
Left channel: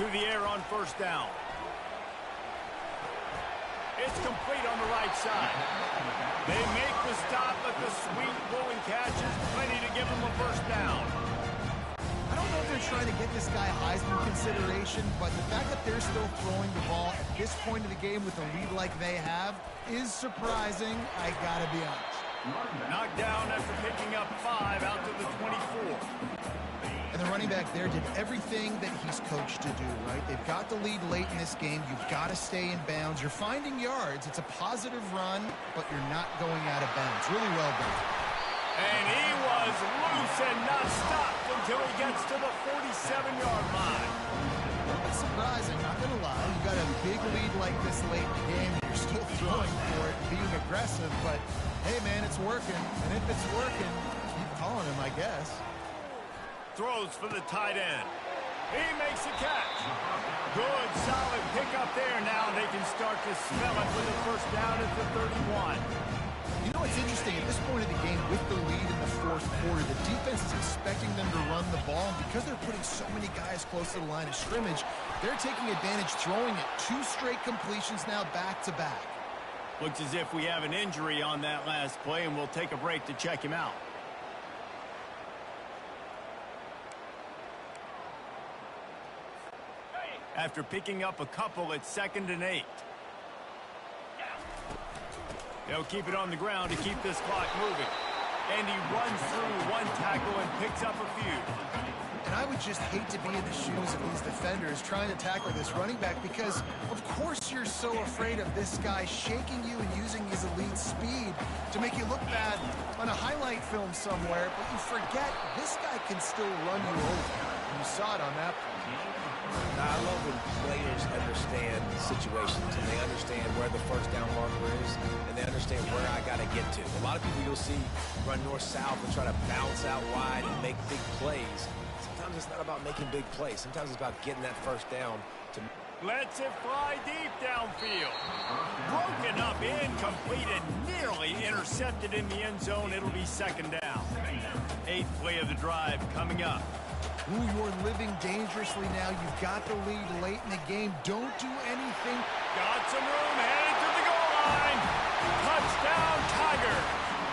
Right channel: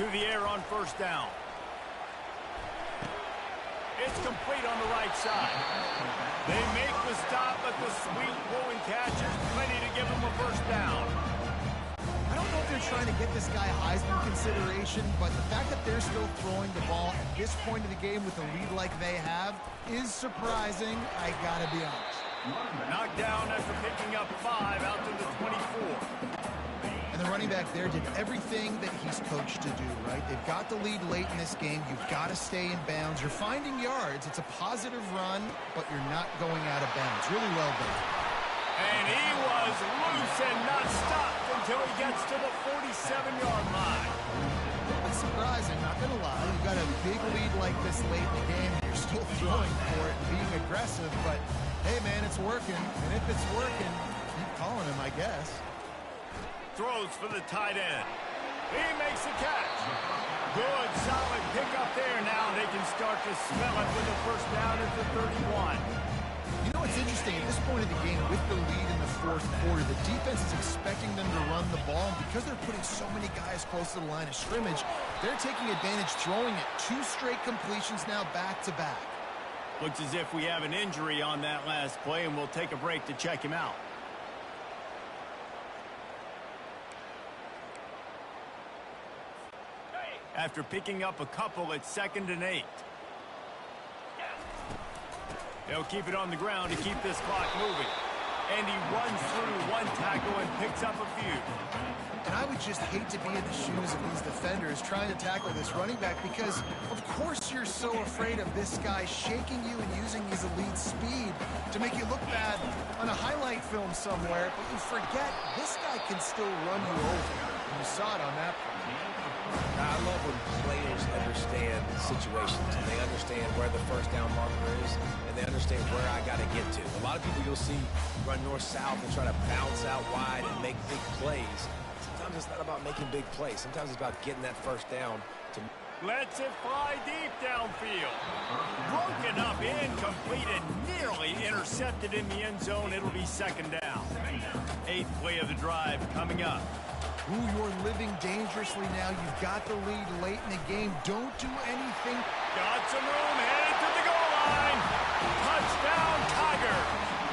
to the air on first down. It's complete on the right side. They make the stop, but the sweet rolling catch is plenty to give them a first down. I don't know if they're trying to get this guy Heisman consideration, but the fact that they're still throwing the ball at this point of the game with a lead like they have is surprising, I gotta be honest. Knocked down after picking up 5 out to the 24. And the running back there did everything that he's coached to do, right? They've got the lead late in this game. You've got to stay in bounds. You're finding yards. It's a positive run, but you're not going out of bounds. Really well done. And he was loose and not stopped until he gets to the 47-yard line. A little bit surprising, not going to lie. You've got a big lead like this late in the game, and you're still throwing for it and being aggressive. But, hey, man, it's working. And if it's working, keep calling him, I guess. Throws for the tight end. He makes the catch. Good, solid pickup there. Now they can start to smell it with a first down at the 31. You know, it's interesting. At this point of the game, with the lead in the fourth quarter, the defense is expecting them to run the ball. And because they're putting so many guys close to the line of scrimmage, they're taking advantage, throwing it 2 straight completions now back-to-back. Looks as if we have an injury on that last play, and we'll take a break to check him out. After picking up a couple at 2nd and 8. They'll keep it on the ground to keep this clock moving. And he runs through 1 tackle and picks up a few. And I would just hate to be in the shoes of these defenders trying to tackle this running back because, of course, you're so afraid of this guy shaking you and using his elite speed to make you look bad on a highlight film somewhere, but you forget this guy can still run you over. And you saw it on that play. Now, I love when players understand situations and they understand where the first down marker is and they understand where I got to get to. A lot of people you'll see run north-south and try to bounce out wide and make big plays. Sometimes it's not about making big plays. Sometimes it's about getting that first down. Lets it fly deep downfield. Broken up, incomplete, and nearly intercepted in the end zone. It'll be 2nd down. 8th play of the drive coming up. Ooh, you're living dangerously now. You've got the lead late in the game. Don't do anything. Got some room, headed to the goal line. Touchdown, Tigers.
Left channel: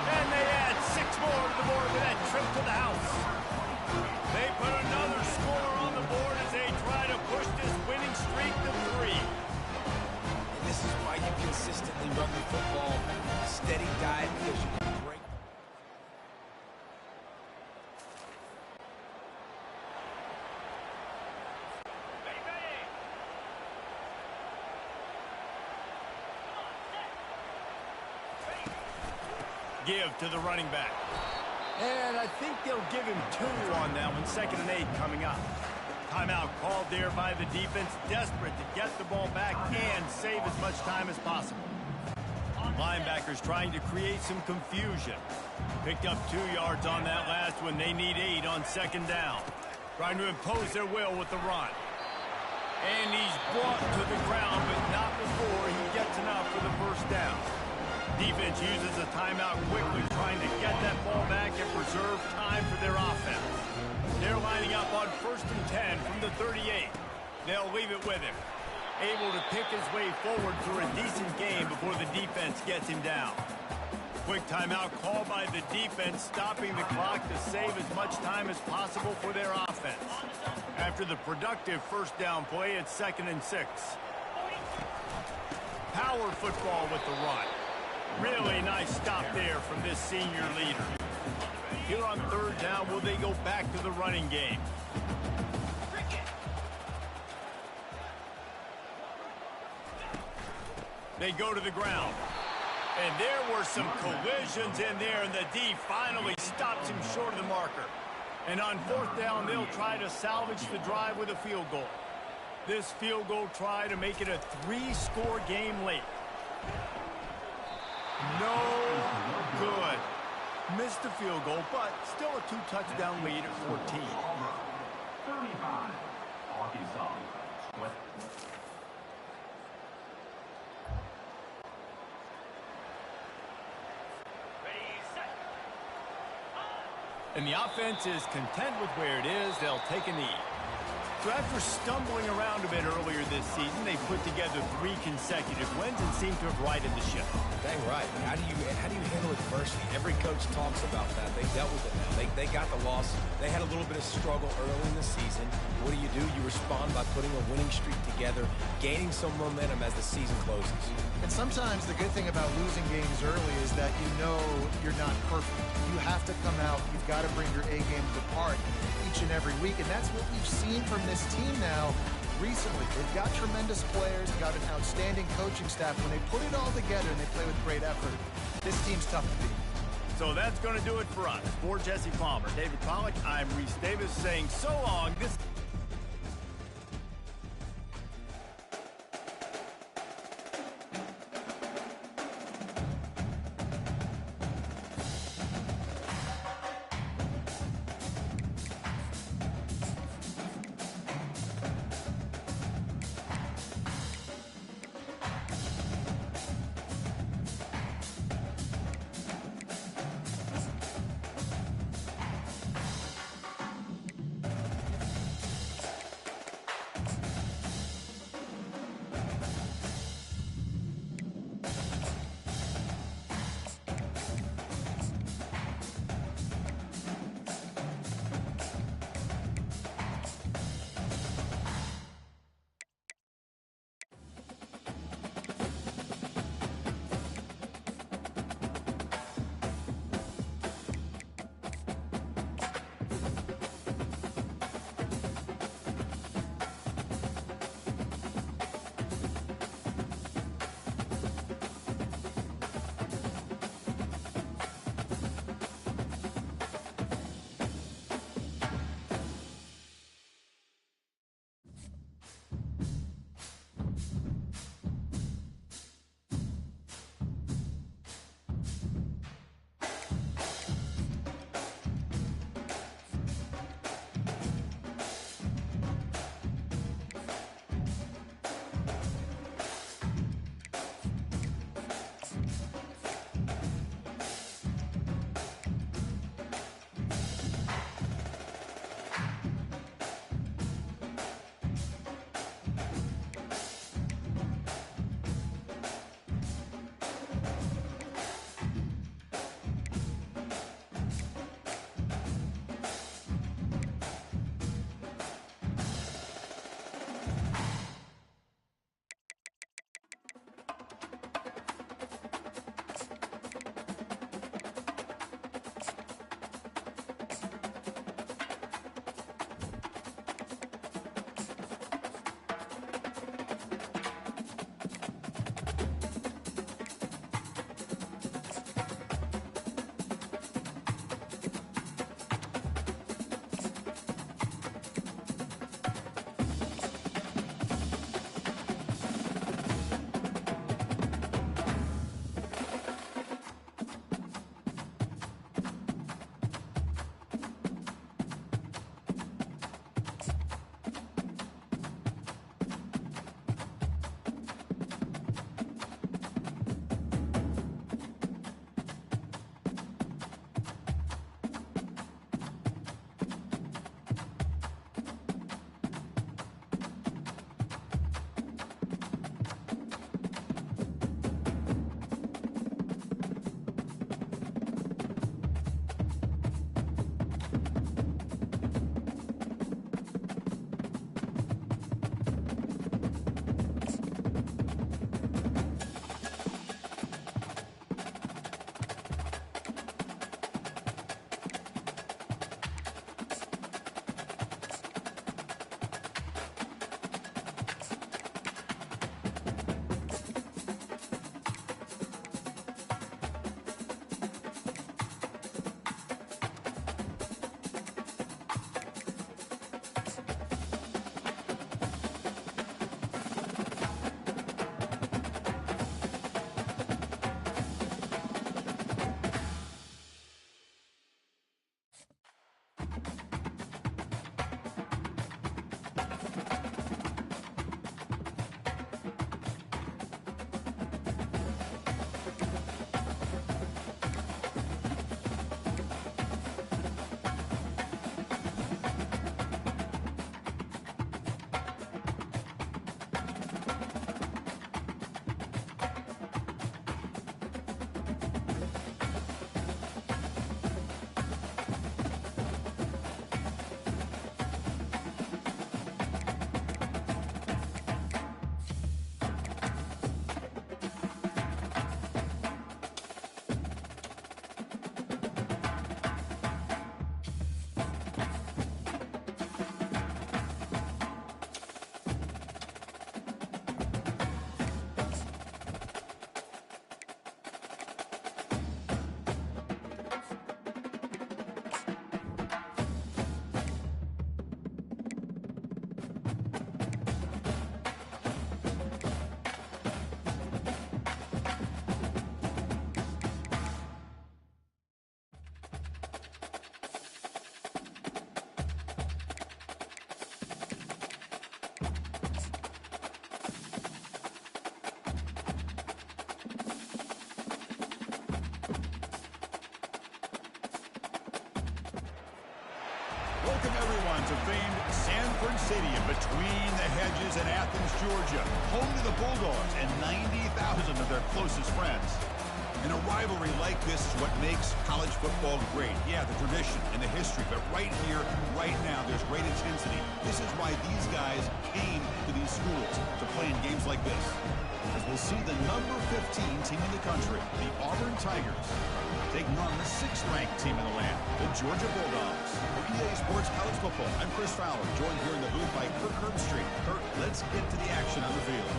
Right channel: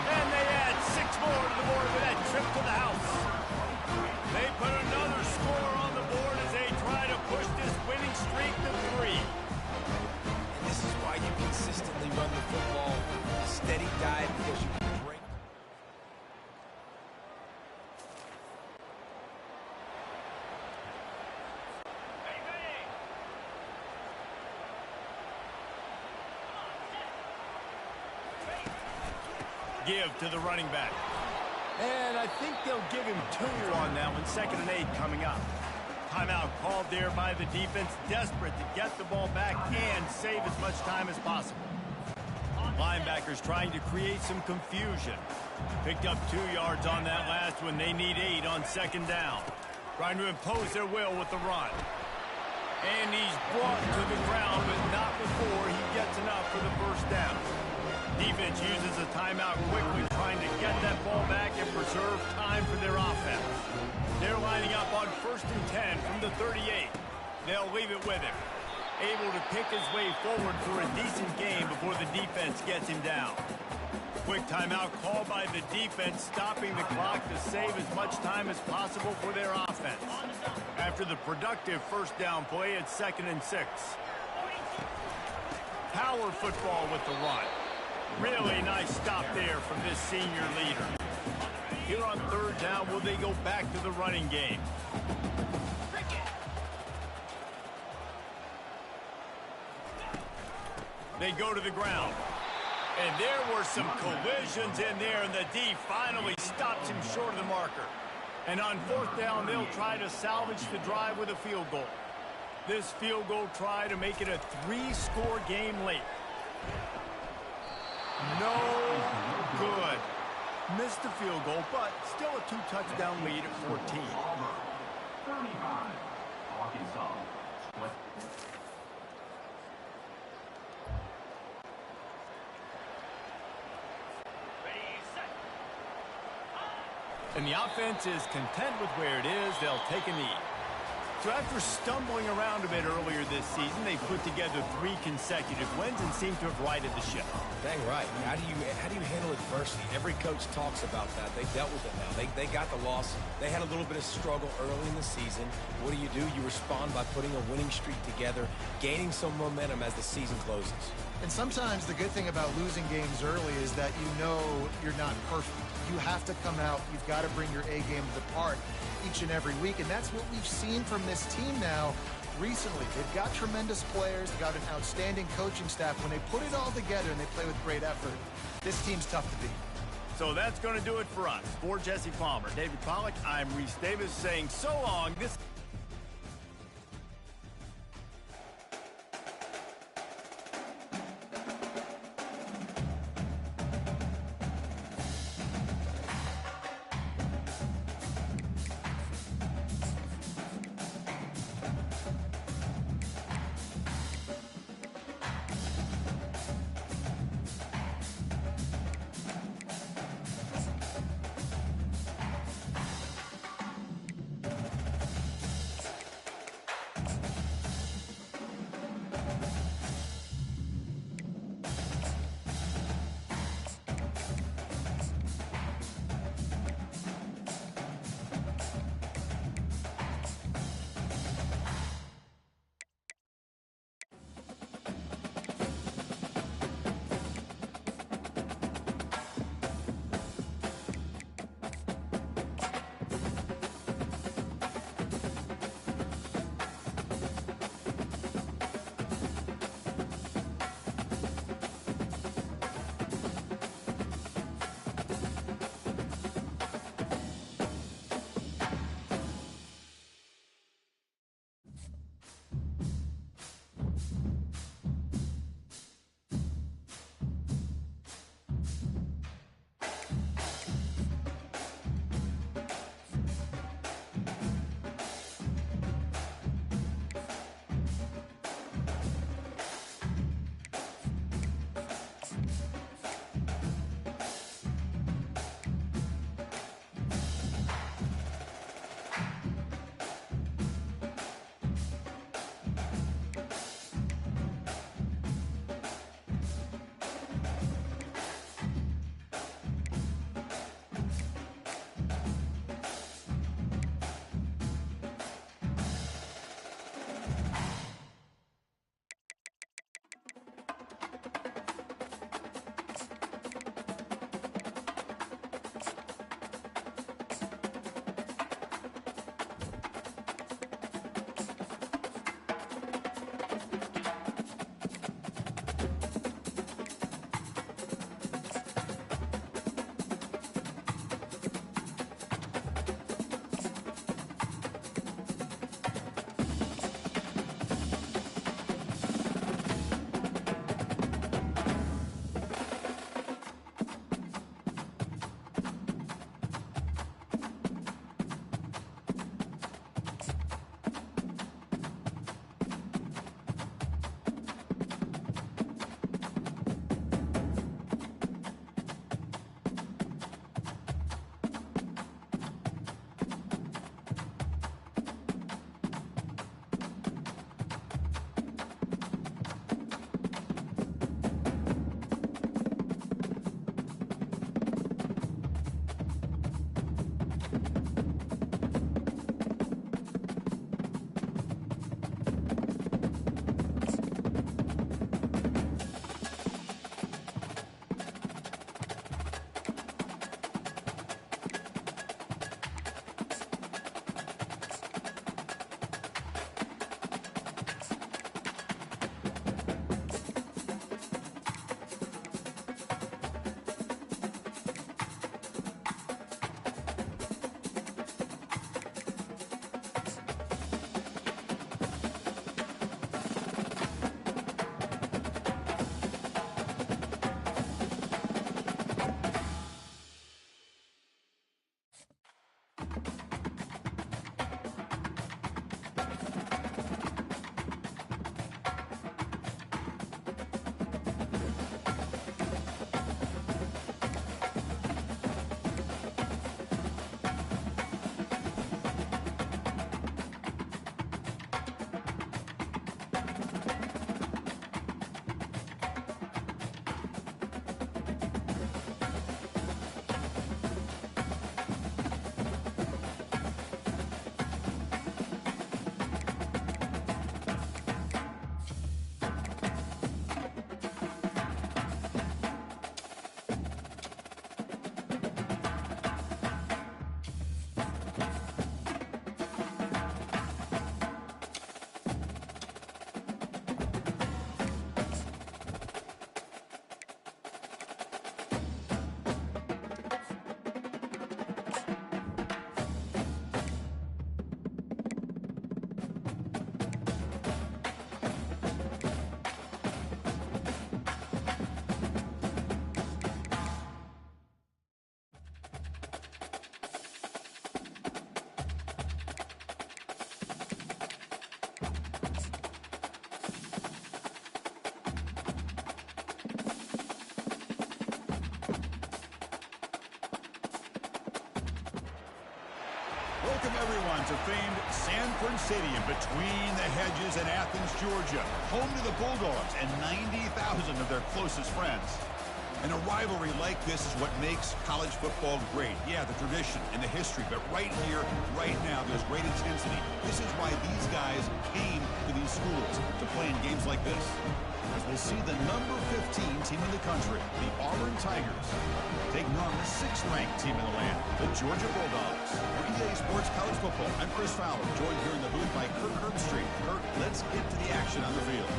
And they add 6 more to the board with that trip to the house. They put another score on the board as they try to push this winning streak to 3. And this is why you consistently run the football. A steady diet because you can break. Give to the running back. And I think they'll give him 2 on that one. 2nd and 8 coming up. Timeout called there by the defense, desperate to get the ball back and save as much time as possible. Linebackers trying to create some confusion. Picked up 2 yards on that last one. They need 8 on 2nd down. Trying to impose their will with the run. And he's brought to the ground, but not before he gets enough for the first down. Defense uses a timeout quickly, trying to get that ball back and preserve time for their offense. They're lining up on 1st and 10 from the 38. They'll leave it with him. Able to pick his way forward for a decent game before the defense gets him down. Quick timeout called by the defense, stopping the clock to save as much time as possible for their offense. After the productive first down play, it's 2nd and 6. Power football with the run. Really nice stop there from this senior leader. Here on 3rd down, will they go back to the running game? They go to the ground. And there were some collisions in there, and the D finally stops him short of the marker. And on 4th down, they'll try to salvage the drive with a field goal. This field goal try to make it a 3-score game late. No good. Missed the field goal, but still a 2-touchdown lead at 14. 35, Arkansas. And the offense is content with where it is. They'll take a knee. So after stumbling around a bit earlier this season, they put together 3 consecutive wins and seem to have righted the ship. Dang right. How do you handle adversity? Every coach talks about that. They dealt with it now. They got the loss. They had a little bit of struggle early in the season. What do? You respond by putting a winning streak together, gaining some momentum as the season closes. And sometimes the good thing about losing games early is that you know you're not perfect. You have to come out. You've got to bring your A game to the park each and every week. And that's what we've seen from this team now recently. They've got tremendous players. They've got an outstanding coaching staff. When they put it all together and they play with great effort, this team's tough to beat. So that's going to do it for us. For Jesse Palmer, David Pollack, I'm Reese Davis saying so long. Welcome, everyone, to famed Sanford Stadium between the hedges in Athens, Georgia, home to the Bulldogs and 90,000 of their closest friends. And a rivalry like this is what makes college football great. Yeah, the tradition and the history, but right here, right now, there's great intensity. This is why these guys came to these schools to play in games like this. As we'll see the number 15 team in the country, the Auburn Tigers, taking on the 6th-ranked team in the land, the Georgia Bulldogs. For EA Sports College Football, I'm Chris Fowler, joined here in the booth by Kirk Herbstreit. Kirk, let's get to the action on the field.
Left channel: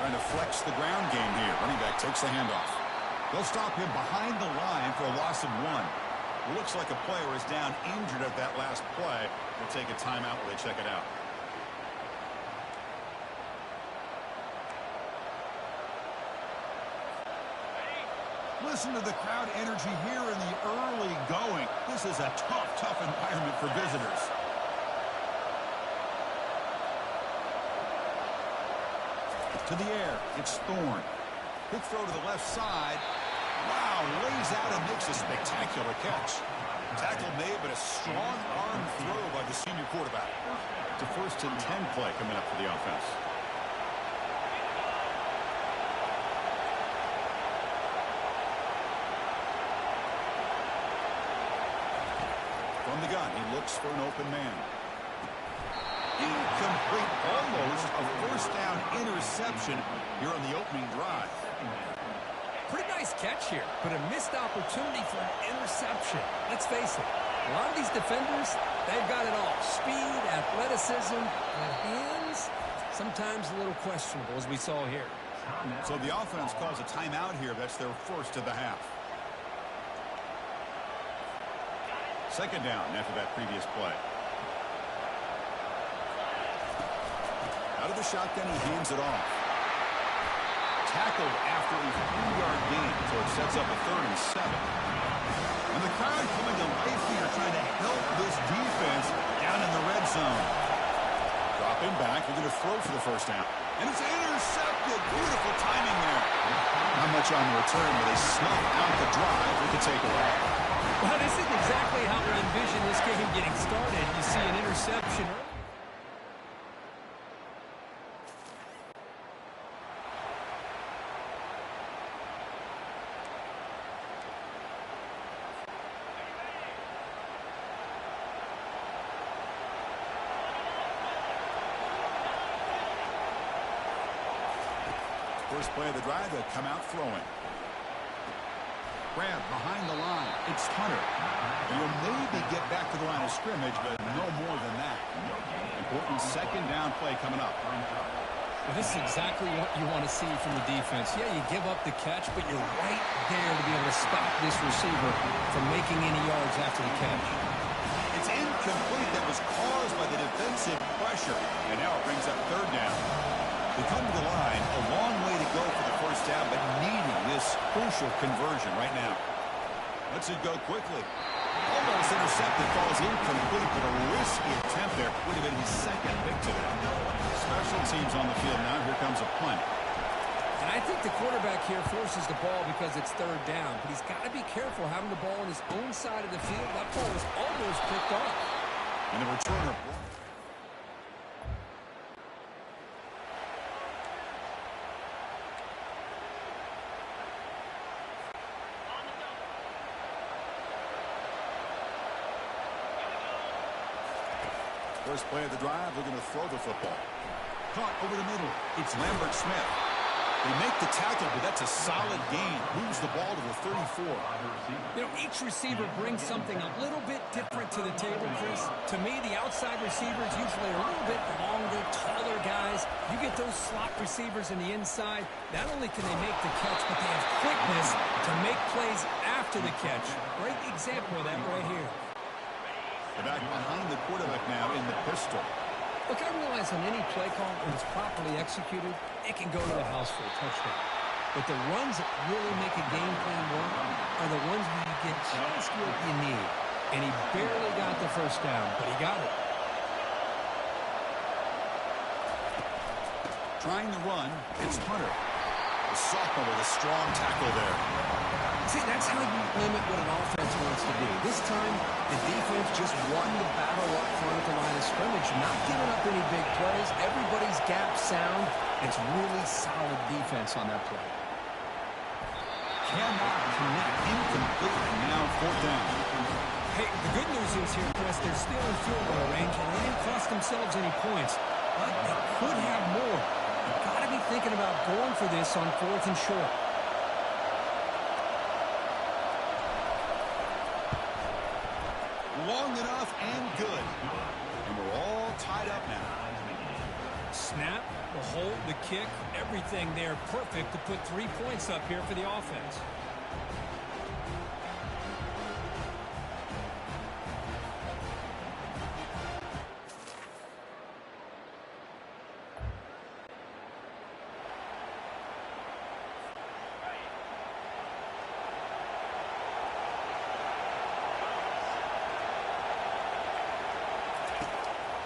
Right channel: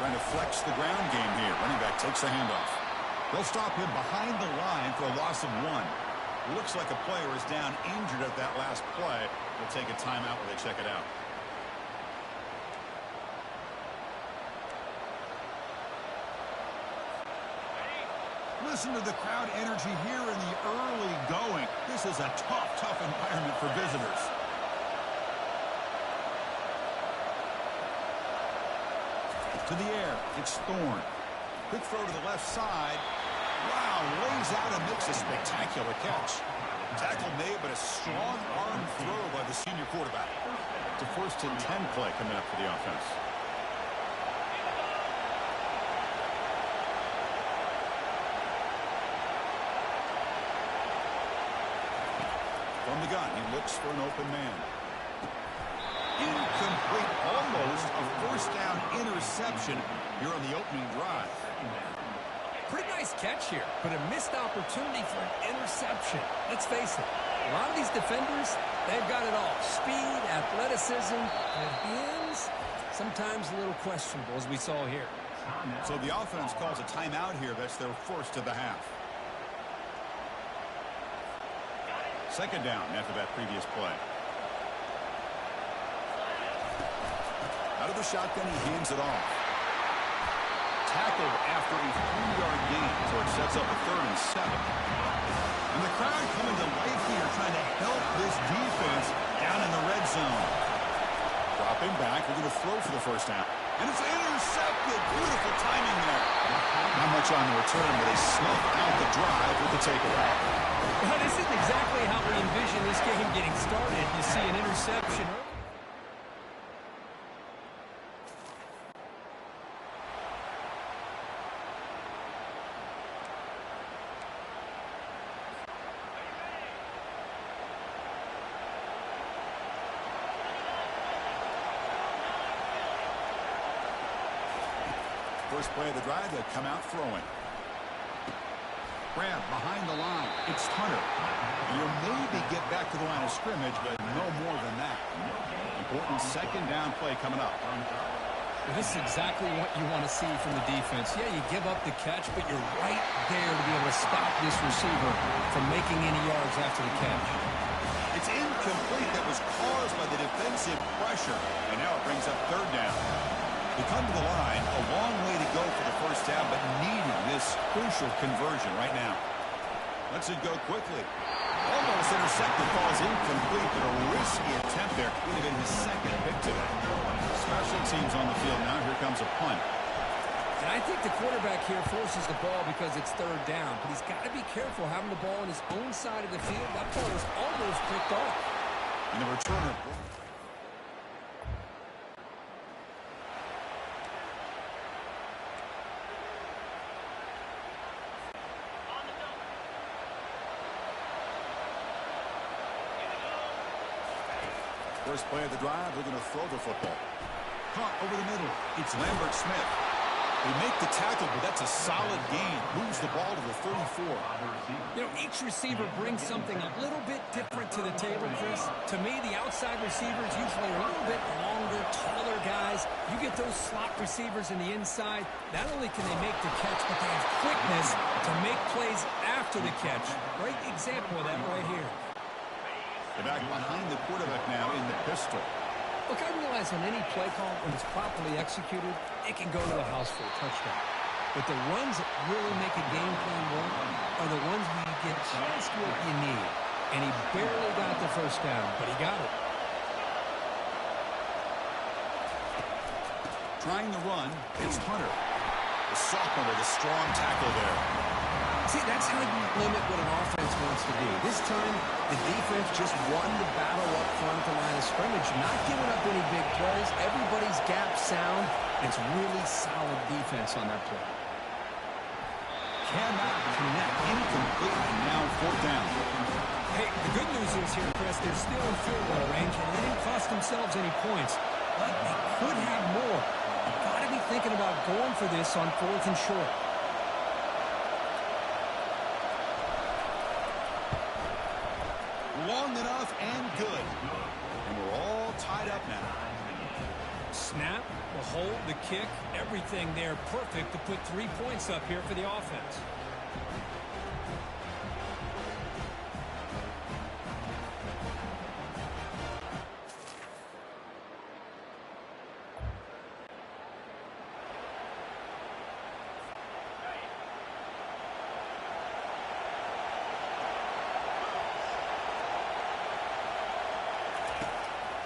Trying to flex the ground game here. Running back takes the handoff. They'll stop him behind the line for a loss of 1. Looks like a player is down injured at that last play. They'll take a timeout while they check it out. Listen to the crowd energy here in the early going. This is a tough environment for visitors. To the air, it's Thorne. Quick throw to the left side. Wow, lays out and makes a spectacular catch. Tackle made, but a strong arm throw by the senior quarterback. It's a 1st and 10 play coming up for the offense. From the gun, he looks for an open man. Incomplete, almost a 1st down interception here on the opening drive. Pretty nice catch here, but a missed opportunity for an interception. Let's face it, a lot of these defenders, they've got it all. Speed, athleticism, and hands, sometimes a little questionable, as we saw here. So the offense calls a timeout here. That's their 1st of the half. 2nd down after that previous play. Out of the shotgun, he hands it off. Tackled after a 3-yard gain, so it sets up a 3rd and 7. And the crowd coming to life here, trying to help this defense down in the red zone. Dropping back, we're going to throw for the 1st down. And it's intercepted. Beautiful timing there. Not much on the return, but they snuff out the drive with the takeaway. Well, this isn't exactly how we envision this game getting started. You see an interception early. First play of the drive, they come out throwing. Grab behind the line. It's Hunter. You'll maybe get back to the line of scrimmage, but no more than that. Important 2nd down play coming up. Well, this is exactly what you want to see from the defense. Yeah, you give up the catch, but you're right there to be able to stop this receiver from making any yards after the catch. It's incomplete. That was caused by the defensive pressure. And now it brings up 3rd down. They come to the line, a long way to go for the 1st down, but needing this crucial conversion right now. Lets it go quickly. Almost intercepted, falls incomplete, but a risky attempt there. Would have been his 2nd pick today. Special teams on the field now. Here comes a punt. And I think the quarterback here forces the ball because it's 3rd down, but he's got to be careful having the ball on his own side of the field. That ball was almost picked off. And the returner. First play of the drive, they're going to throw the football. Caught over the middle. It's Lambert Smith. They make the tackle, but that's a solid gain. Moves the ball to the 34. You know, each receiver brings something a little bit different to the table, Chris. To me, the outside receivers usually are a little bit longer, taller guys. You get those slot receivers in the inside, not only can they make the catch, but they have quickness to make plays after the catch. Great example of that right here. They're back behind the quarterback now in the pistol. Look, I realize on any play call, when it's properly executed, it can go to the house for a touchdown. But the runs that really make a game plan work are the ones where you get just what you need. And he barely got the first down, but he got it. Trying the run, it's Hunter. The sophomore with a strong tackle there. See, that's how you limit what an offense wants to do. This time, the defense just won the battle up front at the line of scrimmage, not giving up any big plays. Everybody's gap sound. It's really solid defense on that play. Cannot connect, incomplete, and now 4th down. Hey, the good news is here, Chris, they're still in field goal range, and they didn't cost themselves any points. But they could have more. You've got to be thinking about going for this on 4th and short. Long enough and good. And we're all tied up now. Snap, the hold, the kick, everything there perfect to put 3 points up here for the offense.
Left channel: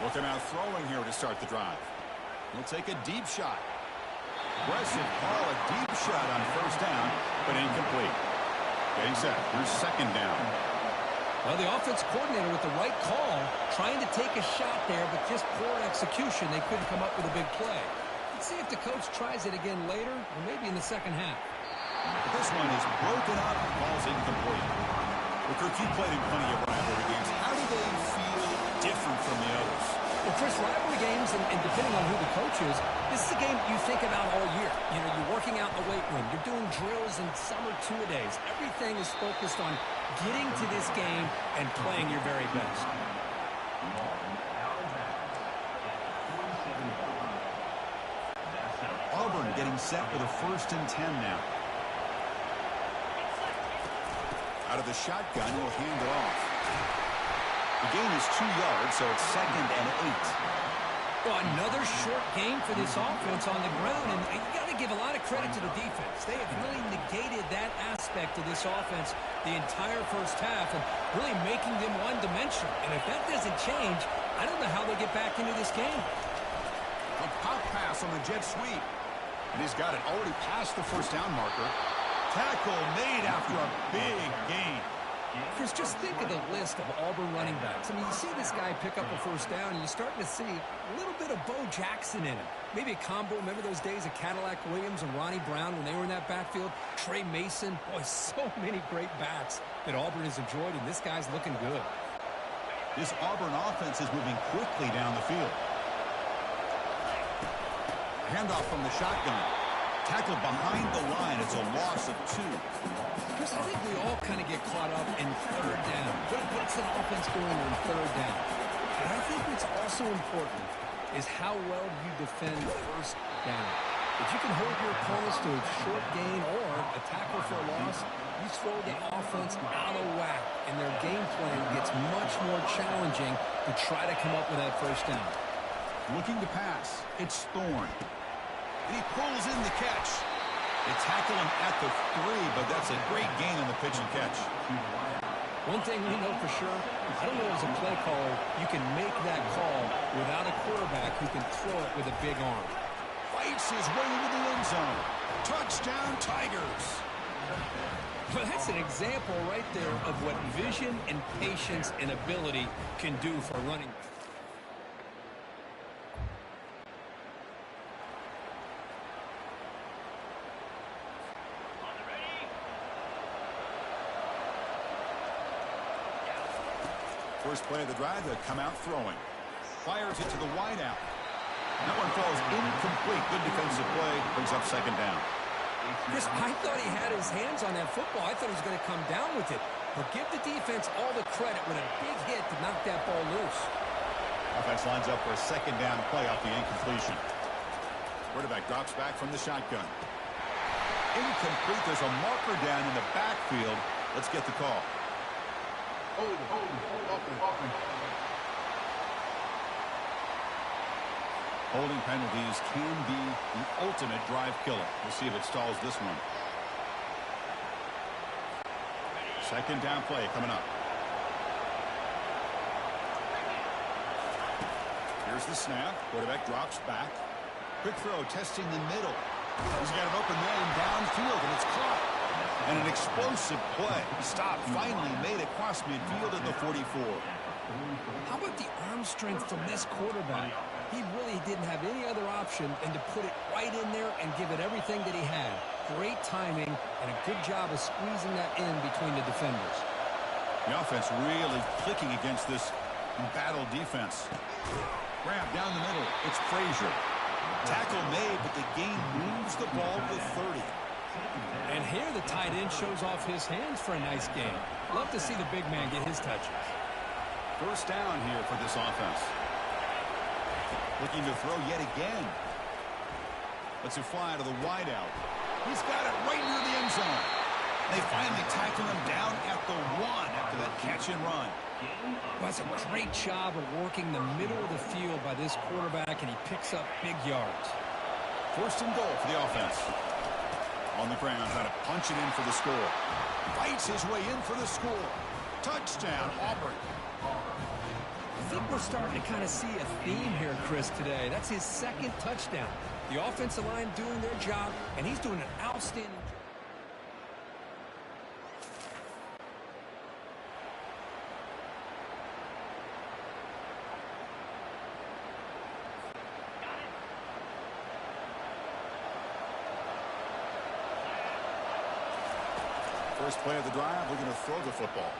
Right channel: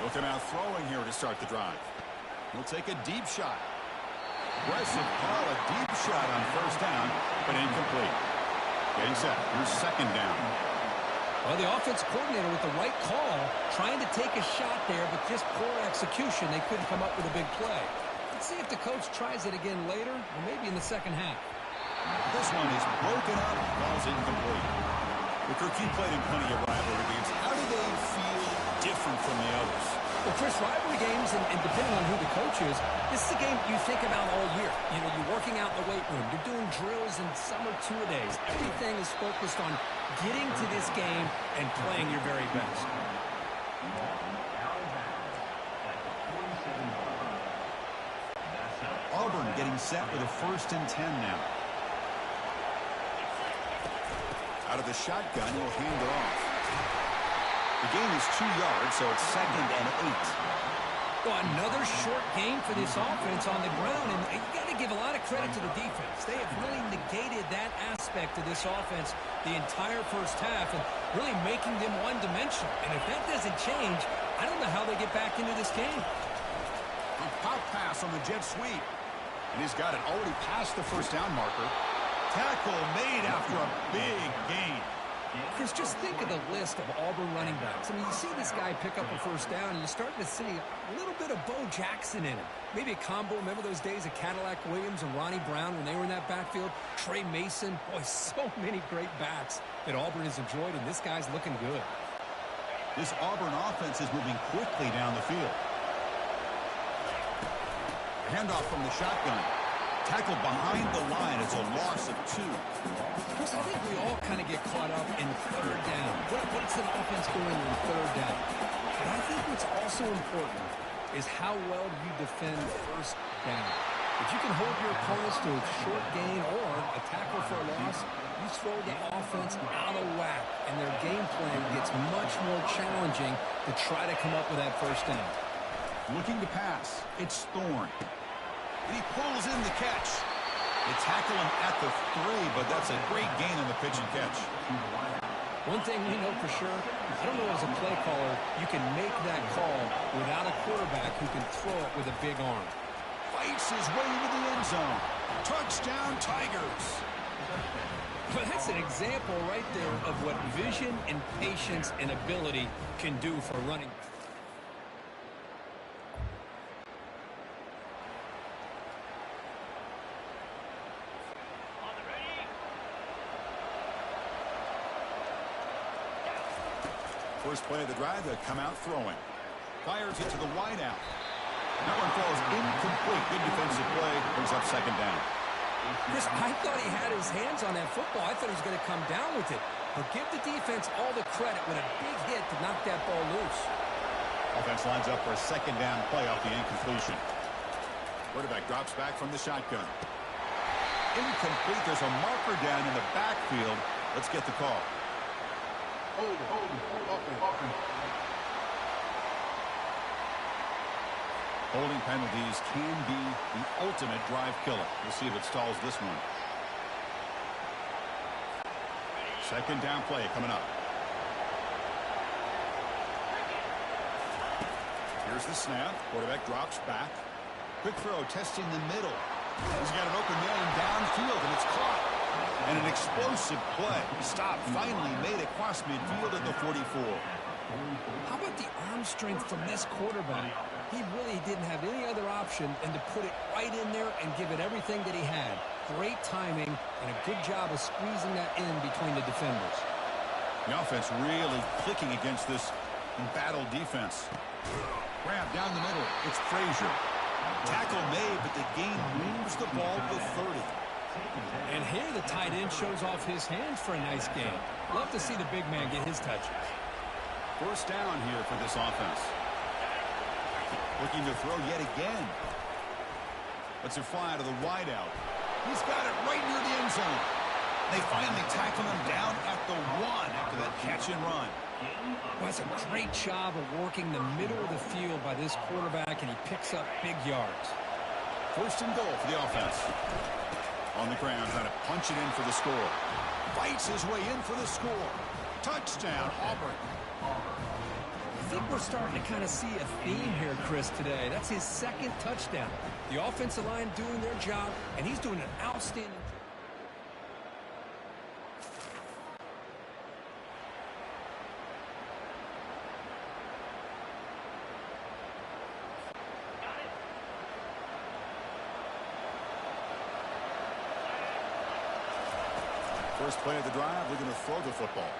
Looking out throwing here to start the drive. He'll take a deep shot. Aggressive call, a deep shot on 1st down, but incomplete. Getting set. Here's 2nd down. Well, the offense coordinator with the right call, trying to take a shot there, but just poor execution. They couldn't come up with a big play. Let's see if the coach tries it again later, or maybe in the second half. This one is broken up, ball's incomplete. Well, Kirk, you played in plenty of rivalry games. How do they feel different from the others? Well, Chris, rivalry games, and depending on who the coach is, this is a game you think about all year. You know, you're working out in the weight room. You're doing drills and summer two-a-days. Everything is focused on getting to this game and playing your very best. Auburn getting set with a 1st and 10 now. Out of the shotgun, he'll hand it off. The gain is 2 yards, so it's 2nd and 8. Well, another short game for this offense on the ground, and you got to give a lot of credit to the defense. They have really negated that aspect of this offense the entire first half and really making them one-dimensional. And if that doesn't change, I don't know how they get back into this game. A pop pass on the jet sweep. And he's got it already past the 1st down marker. Tackle made after a big gain. Chris, just think of the list of Auburn running backs. I mean, you see this guy pick up a 1st down, and you're starting to see a little bit of Bo Jackson in him. Maybe a combo. Remember those days of Cadillac Williams and Ronnie Brown when they were in that backfield? Trey Mason. Boy, so many great backs that Auburn has enjoyed, and this guy's looking good. This Auburn offense is moving quickly down the field. Handoff from the shotgun. Tackle behind the line. It's a loss of 2. Chris, I think we all kind of get caught up in 3rd down. What's an offense doing in 3rd down? But I think what's also important is how well you defend 1st down. If you can hold your opponents to a short gain or a tackle for a loss, you throw the offense out of whack, and their game plan gets much more challenging to try to come up with that 1st down. Looking to pass. It's Thorne. And he pulls in the catch. They tackle him at the 3, but that's a great gain on the pitch and catch. One thing we know for sure, I don't know as a play caller, you can make that call without a quarterback who can throw it with a big arm. Fights his way into the end zone. Touchdown, Tigers. Well, that's an example right there of what vision and patience and ability can do for a running back. First play of the drive, they come out throwing. Fires it to the wideout. That one falls incomplete. Good defensive play. Brings up 2nd down. Chris, I thought he had his hands on that football. I thought he was going to come down with it. But give the defense all the credit with a big hit to knock that ball loose. Offense lines up for a 2nd down play off the incompletion. Quarterback drops back from the shotgun. Incomplete. There's a marker down in the backfield. Let's get the call. Hold it. Holding penalties can be the ultimate drive killer. We'll see if it stalls this one. Second down play coming up. Here's the snap. Quarterback drops back. Quick throw testing the middle. He's got an open man downfield, and it's caught. And an explosive play. Stop finally made across midfield at the 44. How about the arm strength from this quarterback? He really didn't have any other option than to put it right in there and give it everything that he had. Great timing and a good job of squeezing that in between the defenders. The offense really clicking against this battle defense. Grab down the middle. It's Frazier. Tackle made, but the gain moves the ball to the 30. And here the tight end shows off his hands for a nice game. Love to see the big man get his touches. First down here for this offense. Looking to throw yet again. Lets it fly to the wideout. He's got it right near the end zone. They finally tackle him down at the 1 after that catch and run. Well, that's a great job of working the middle of the field by this quarterback, and he picks up big yards. First and goal for the offense. On the ground, trying to punch it in for the score. Fights his way in for the score. Touchdown, Auburn. I think we're starting to kind of see a theme here, Chris, today. That's his second touchdown. The offensive line doing their job, and he's doing an outstanding job. First play of the drive, we're going to throw the football.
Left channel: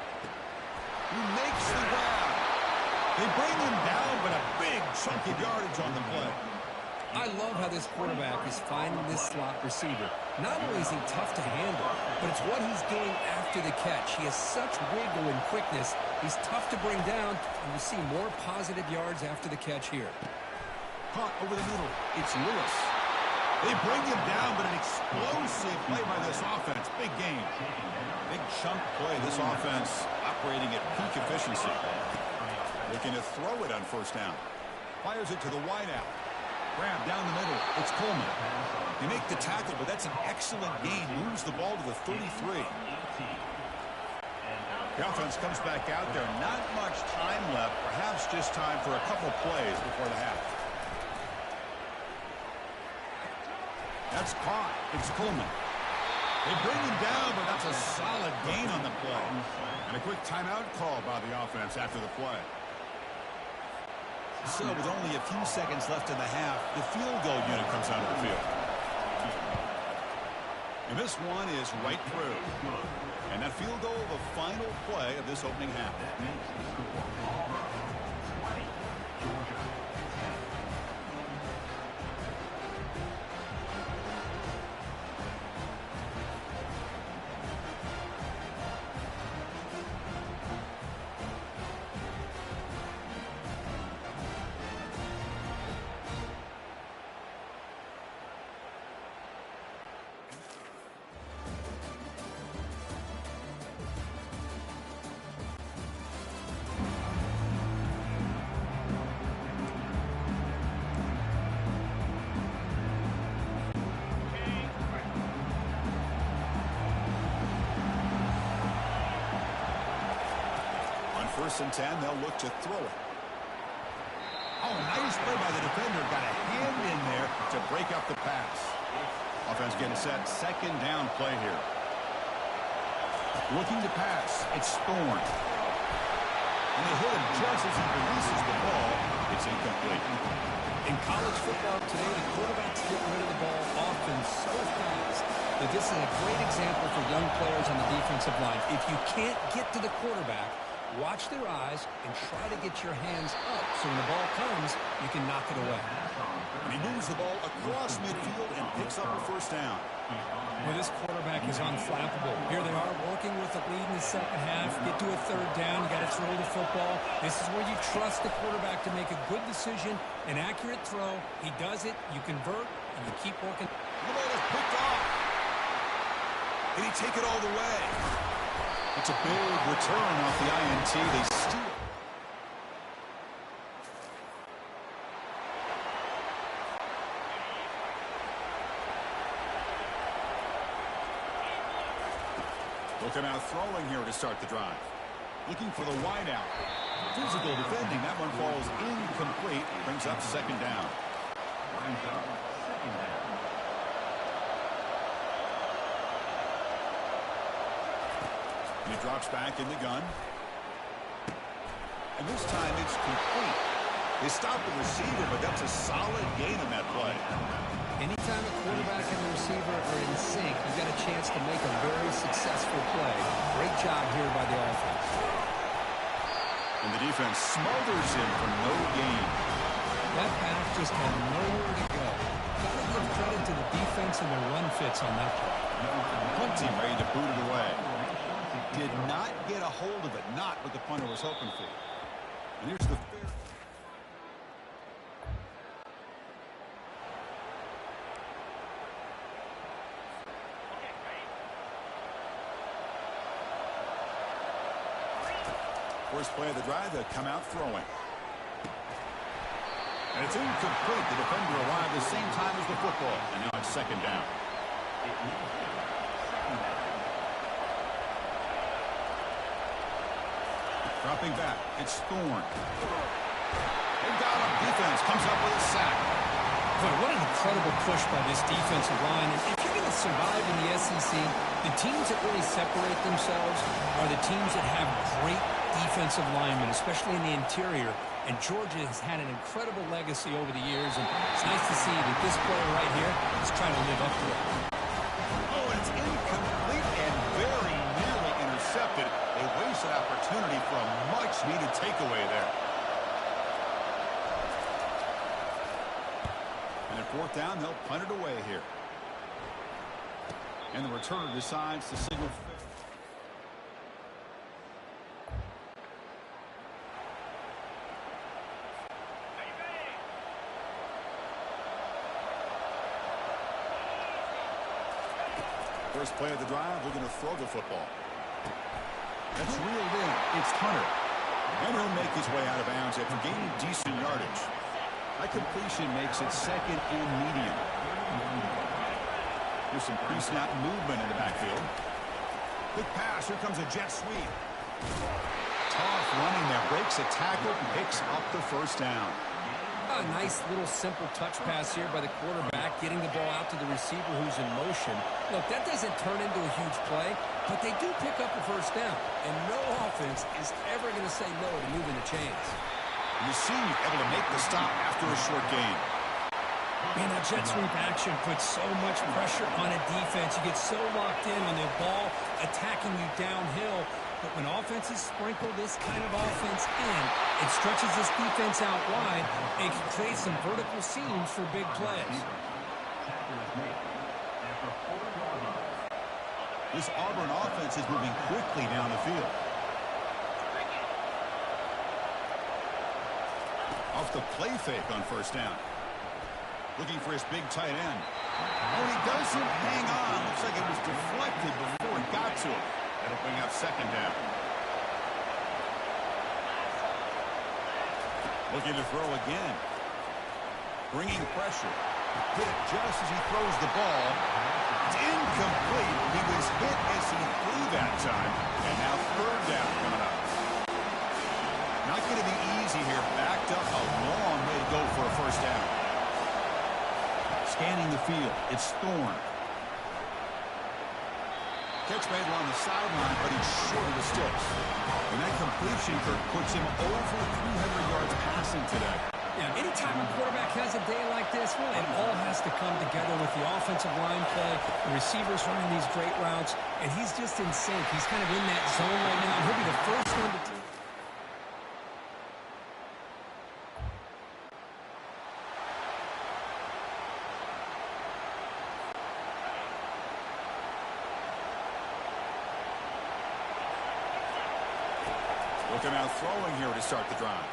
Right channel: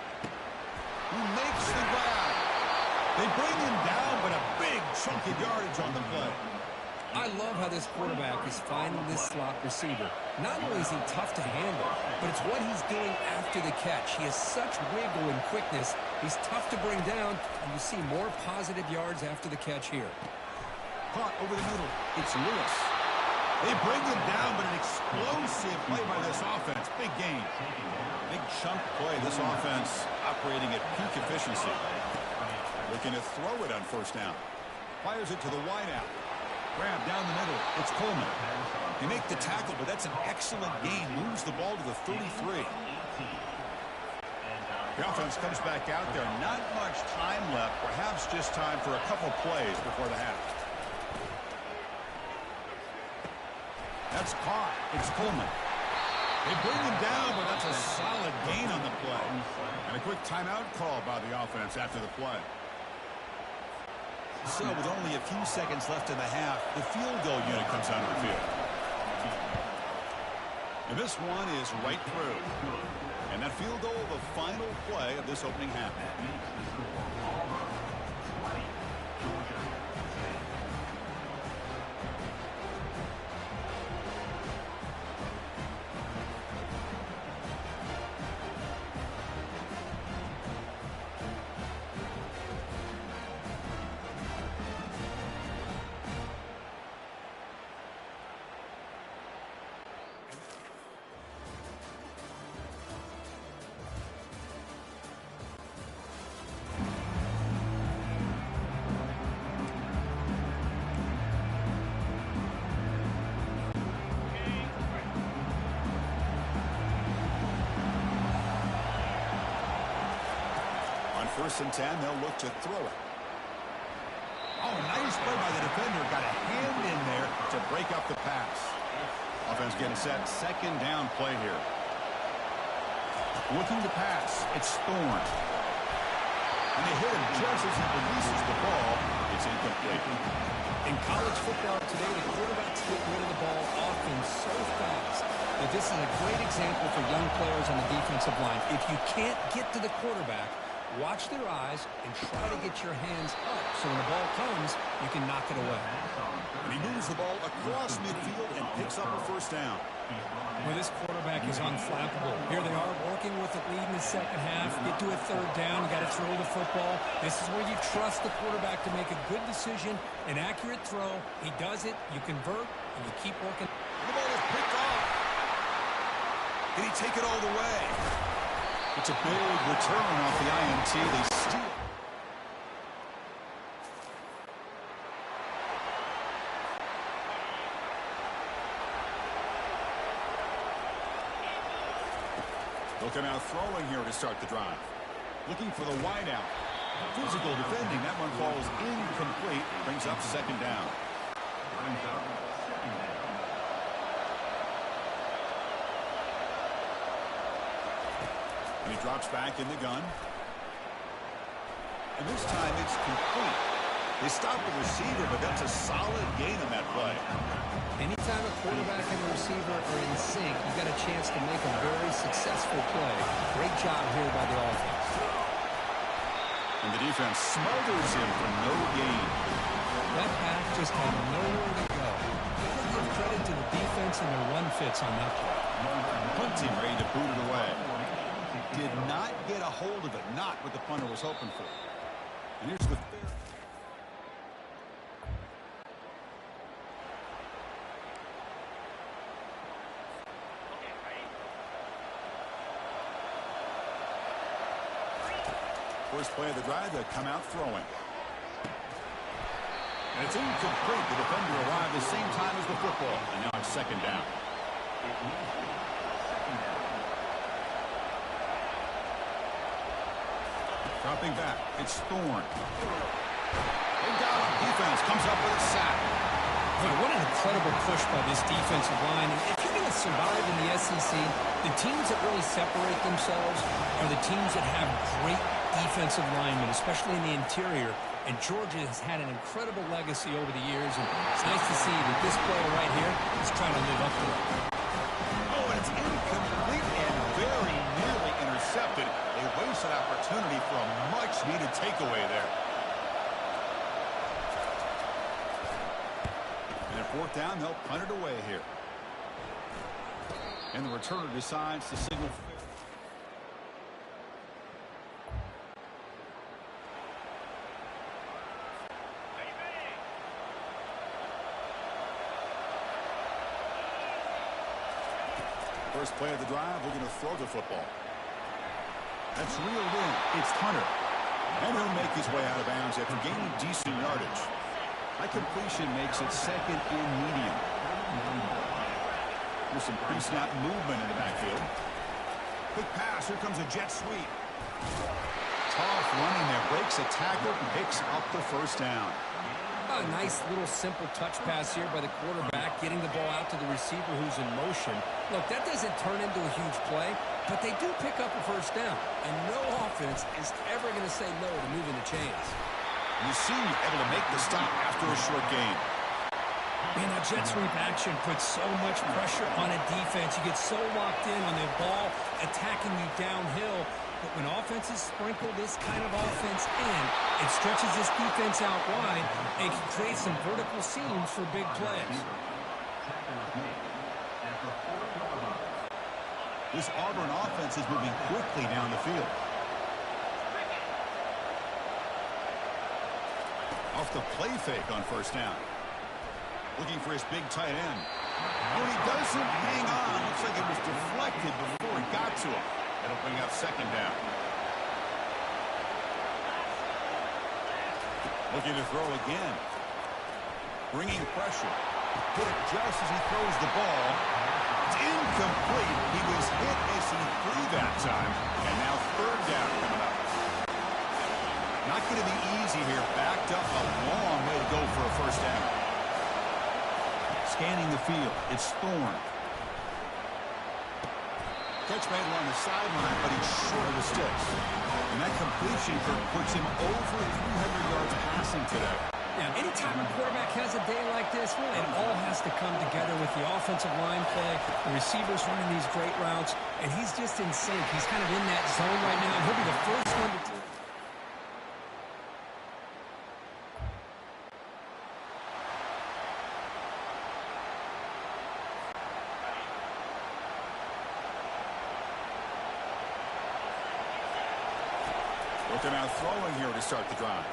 He makes the grab. They bring him down, but a big chunk of yardage on the play. I love how this quarterback is finding this slot receiver. Not only is he tough to handle, but it's what he's doing after the catch. He has such wiggle and quickness. He's tough to bring down, and you see more positive yards after the catch here. Caught over the middle. It's Lewis. They bring him down, but an explosive play by this offense. Big gain. Big chunk play. This offense operating at peak efficiency. Looking to throw it on first down. Fires it to the wideout. Grab down the middle. It's Coleman. They make the tackle, but that's an excellent gain. Moves the ball to the 33. The offense comes back out there. Not much time left. Perhaps just time for a couple plays before the half. That's caught. It's Coleman. They bring him down, but that's a solid gain on the play. And a quick timeout call by the offense after the play. So with only a few seconds left in the half, the field goal unit comes onto the field. And this one is right through. And that field goal, the final play of this opening half. That makes the score Auburn 20, Georgia 10. First and 10, they'll look to throw it. Oh, nice play by the defender. Got a hand in there to break up the pass. Offense getting set. Second down play here. Looking to pass. It's Thorne. And they hit him just as he releases the ball. It's incomplete. In college football today, the quarterbacks get rid of the ball often so fast that this is a great example for young players on the defensive line. If you can't get to the quarterback, watch their eyes and try to get your hands up so when the ball comes, you can knock it away. And he moves the ball across midfield and picks up a first down. Well, this quarterback is unflappable. Here they are working with the lead in the second half. Get to a third down. You got to throw the football. This is where you trust the quarterback to make a good decision, an accurate throw. He does it. You convert, and you keep working. The ball is picked off. Did he take it all the way? It's a big return off the INT. They steal. Looking out throwing here to start the drive. Looking for the wide out. Physical defending. That one falls incomplete. Brings up second down. Brings up second down. And he drops back in the gun. And this time it's complete. They stop the receiver, but that's a solid gain on that play. Anytime a quarterback and the receiver are in sync, you've got a chance to make a very successful play. Great job here by the offense. And the defense smothers him for no gain. That back just had nowhere to go. Got to give credit to the defense and their run fits on that play. Punt team ready to boot it away. Did not get a hold of it. Not what the punter was hoping for. And here's the fair. First play of the drive, they come out throwing. And it's incomplete. The defender arrived the same time as the football. And now it's second down. It needs to be second down. Dropping back. It's Thorne. They got him. Defense comes up with a sack. Boy, what an incredible push by this defensive line. And if you're going to survive in the SEC, the teams that really separate themselves are the teams that have great defensive linemen, especially in the interior. And Georgia has had an incredible legacy over the years, and it's nice to see that this player right here is trying to live up to that. Oh, and it's incomplete and very nearly intercepted. They wasted opportunity for a much-needed takeaway there. And at fourth down, they'll punt it away here. And the returner decides to signal fair. First play of the drive, looking to throw the football. That's reeled in. It's Hunter. And he'll make his way out of bounds after gaining decent yardage. That completion makes it second and medium. Here's some pre-snap movement in the backfield. Quick pass. Here comes a jet sweep. Tough running there. Breaks a tackle. Picks up the first down. A nice little simple touch pass here by the quarterback, getting the ball out to the receiver who's in motion. Look, that doesn't turn into a huge play, but they do pick up a first down. And no offense is ever going to say no to moving the chains. And the senior able to make the stop after a short gain. Man, that jet sweep action puts so much pressure on a defense. You get so locked in on the ball attacking you downhill. But when offenses sprinkle this kind of offense in, it stretches this defense out wide and can create some vertical seams for big plays. This Auburn offense is moving quickly down the field. Off the play fake on first down. Looking for his big tight end. Oh, he doesn't hang on. Looks like it was deflected before it got to him. That'll bring up second down. Looking to throw again. Bringing pressure. Hit it just as he throws the ball. It's incomplete. He was hit as he threw that time. And now third down coming up. Not going to be easy here. Backed up a long way to go for a first down. Scanning the field. It's Thorne. Catch made along the sideline, but he's short of the sticks. And that completion, Kirk, puts him over 300 yards passing today. Yeah, anytime a quarterback has a day like this, really it all has to come together with the offensive line play, the receivers running these great routes, and he's just in sync. He's kind of in that zone right now, and he'll be the first one to... Looking out throwing here to start the drive.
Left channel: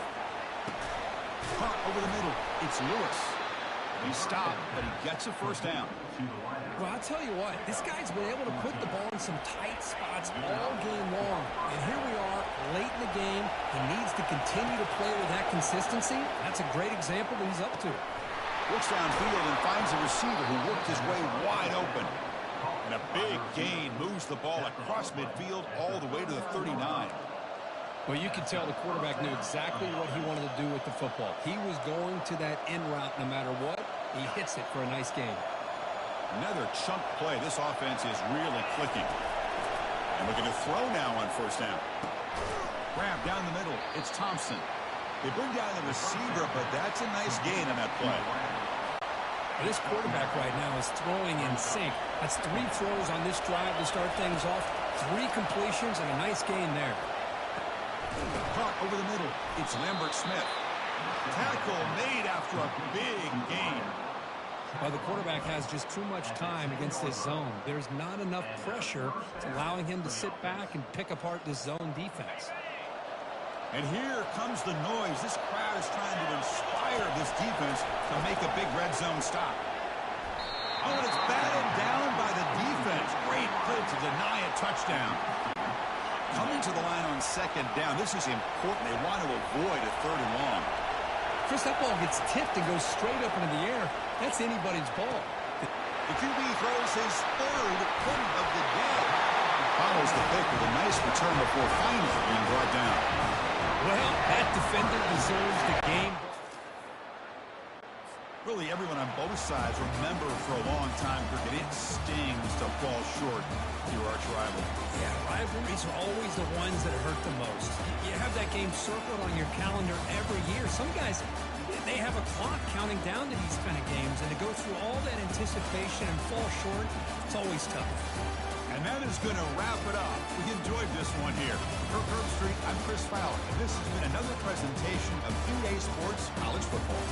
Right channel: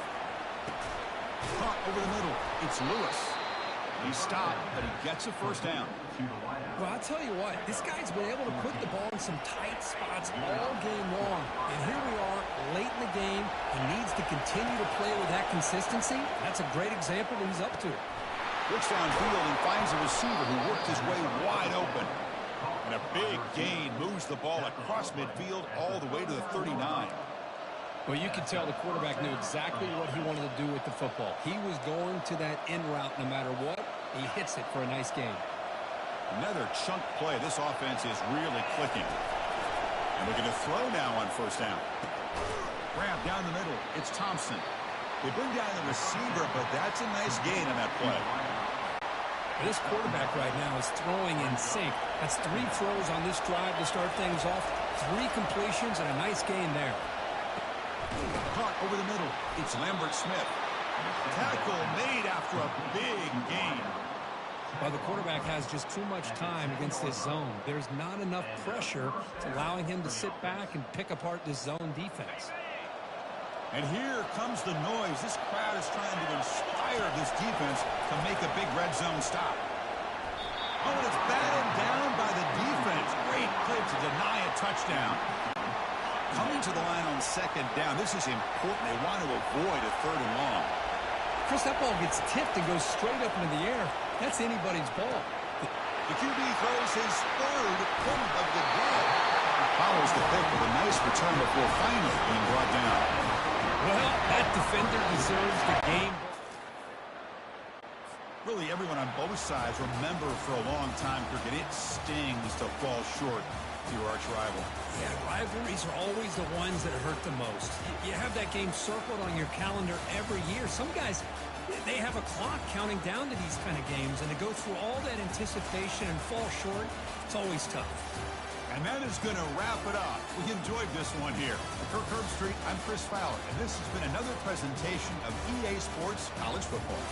Punt over the middle. It's Lewis. He stopped, but he gets a first down. Well, I'll tell you what, this guy's been able to put the ball in some tight spots all game long. And here we are, late in the game. He needs to continue to play with that consistency. That's a great example that he's up to. Looks downfield and finds a receiver who worked his way wide open. And a big gain moves the ball across midfield all the way to the 39. Well, you could tell the quarterback knew exactly what he wanted to do with the football. He was going to that in route no matter what. He hits it for a nice gain. Another chunk play. This offense is really clicking. And looking to throw now on first down. Grab down the middle. It's Thompson. They bring down the receiver, but that's a nice gain on that play. This quarterback right now is throwing in sync. That's 3 throws on this drive to start things off. 3 completions and a nice gain there. Caught over the middle. It's Lambert Smith. Tackle made after a big gain. Well, the quarterback has just too much time against this zone. There's not enough pressure. It's allowing him to sit back and pick apart this zone defense. And here comes the noise. This crowd is trying to inspire this defense to make a big red zone stop. Oh, and it's batted down by the defense. Great play to deny a touchdown. Coming to the line on second down. This is important. They want to avoid a 3rd and long. Chris, that ball gets tipped and goes straight up into the air. That's anybody's ball. The QB throws his 3rd point of the day. He follows the pick with a nice return before finally being brought down. Well, that defender deserves the game. Really, everyone on both sides remember for a long time, cricket, it stings to fall short to your arch rival. Yeah, rivalries are always the ones that hurt the most. You have that game circled on your calendar every year. Some guys, they have a clock counting down to these kind of games, and to go through all that anticipation and fall short, it's always tough. And that is going to wrap it up. We enjoyed this one here. For Herb Street, I'm Chris Fowler, and this has been another presentation of EA Sports College Football.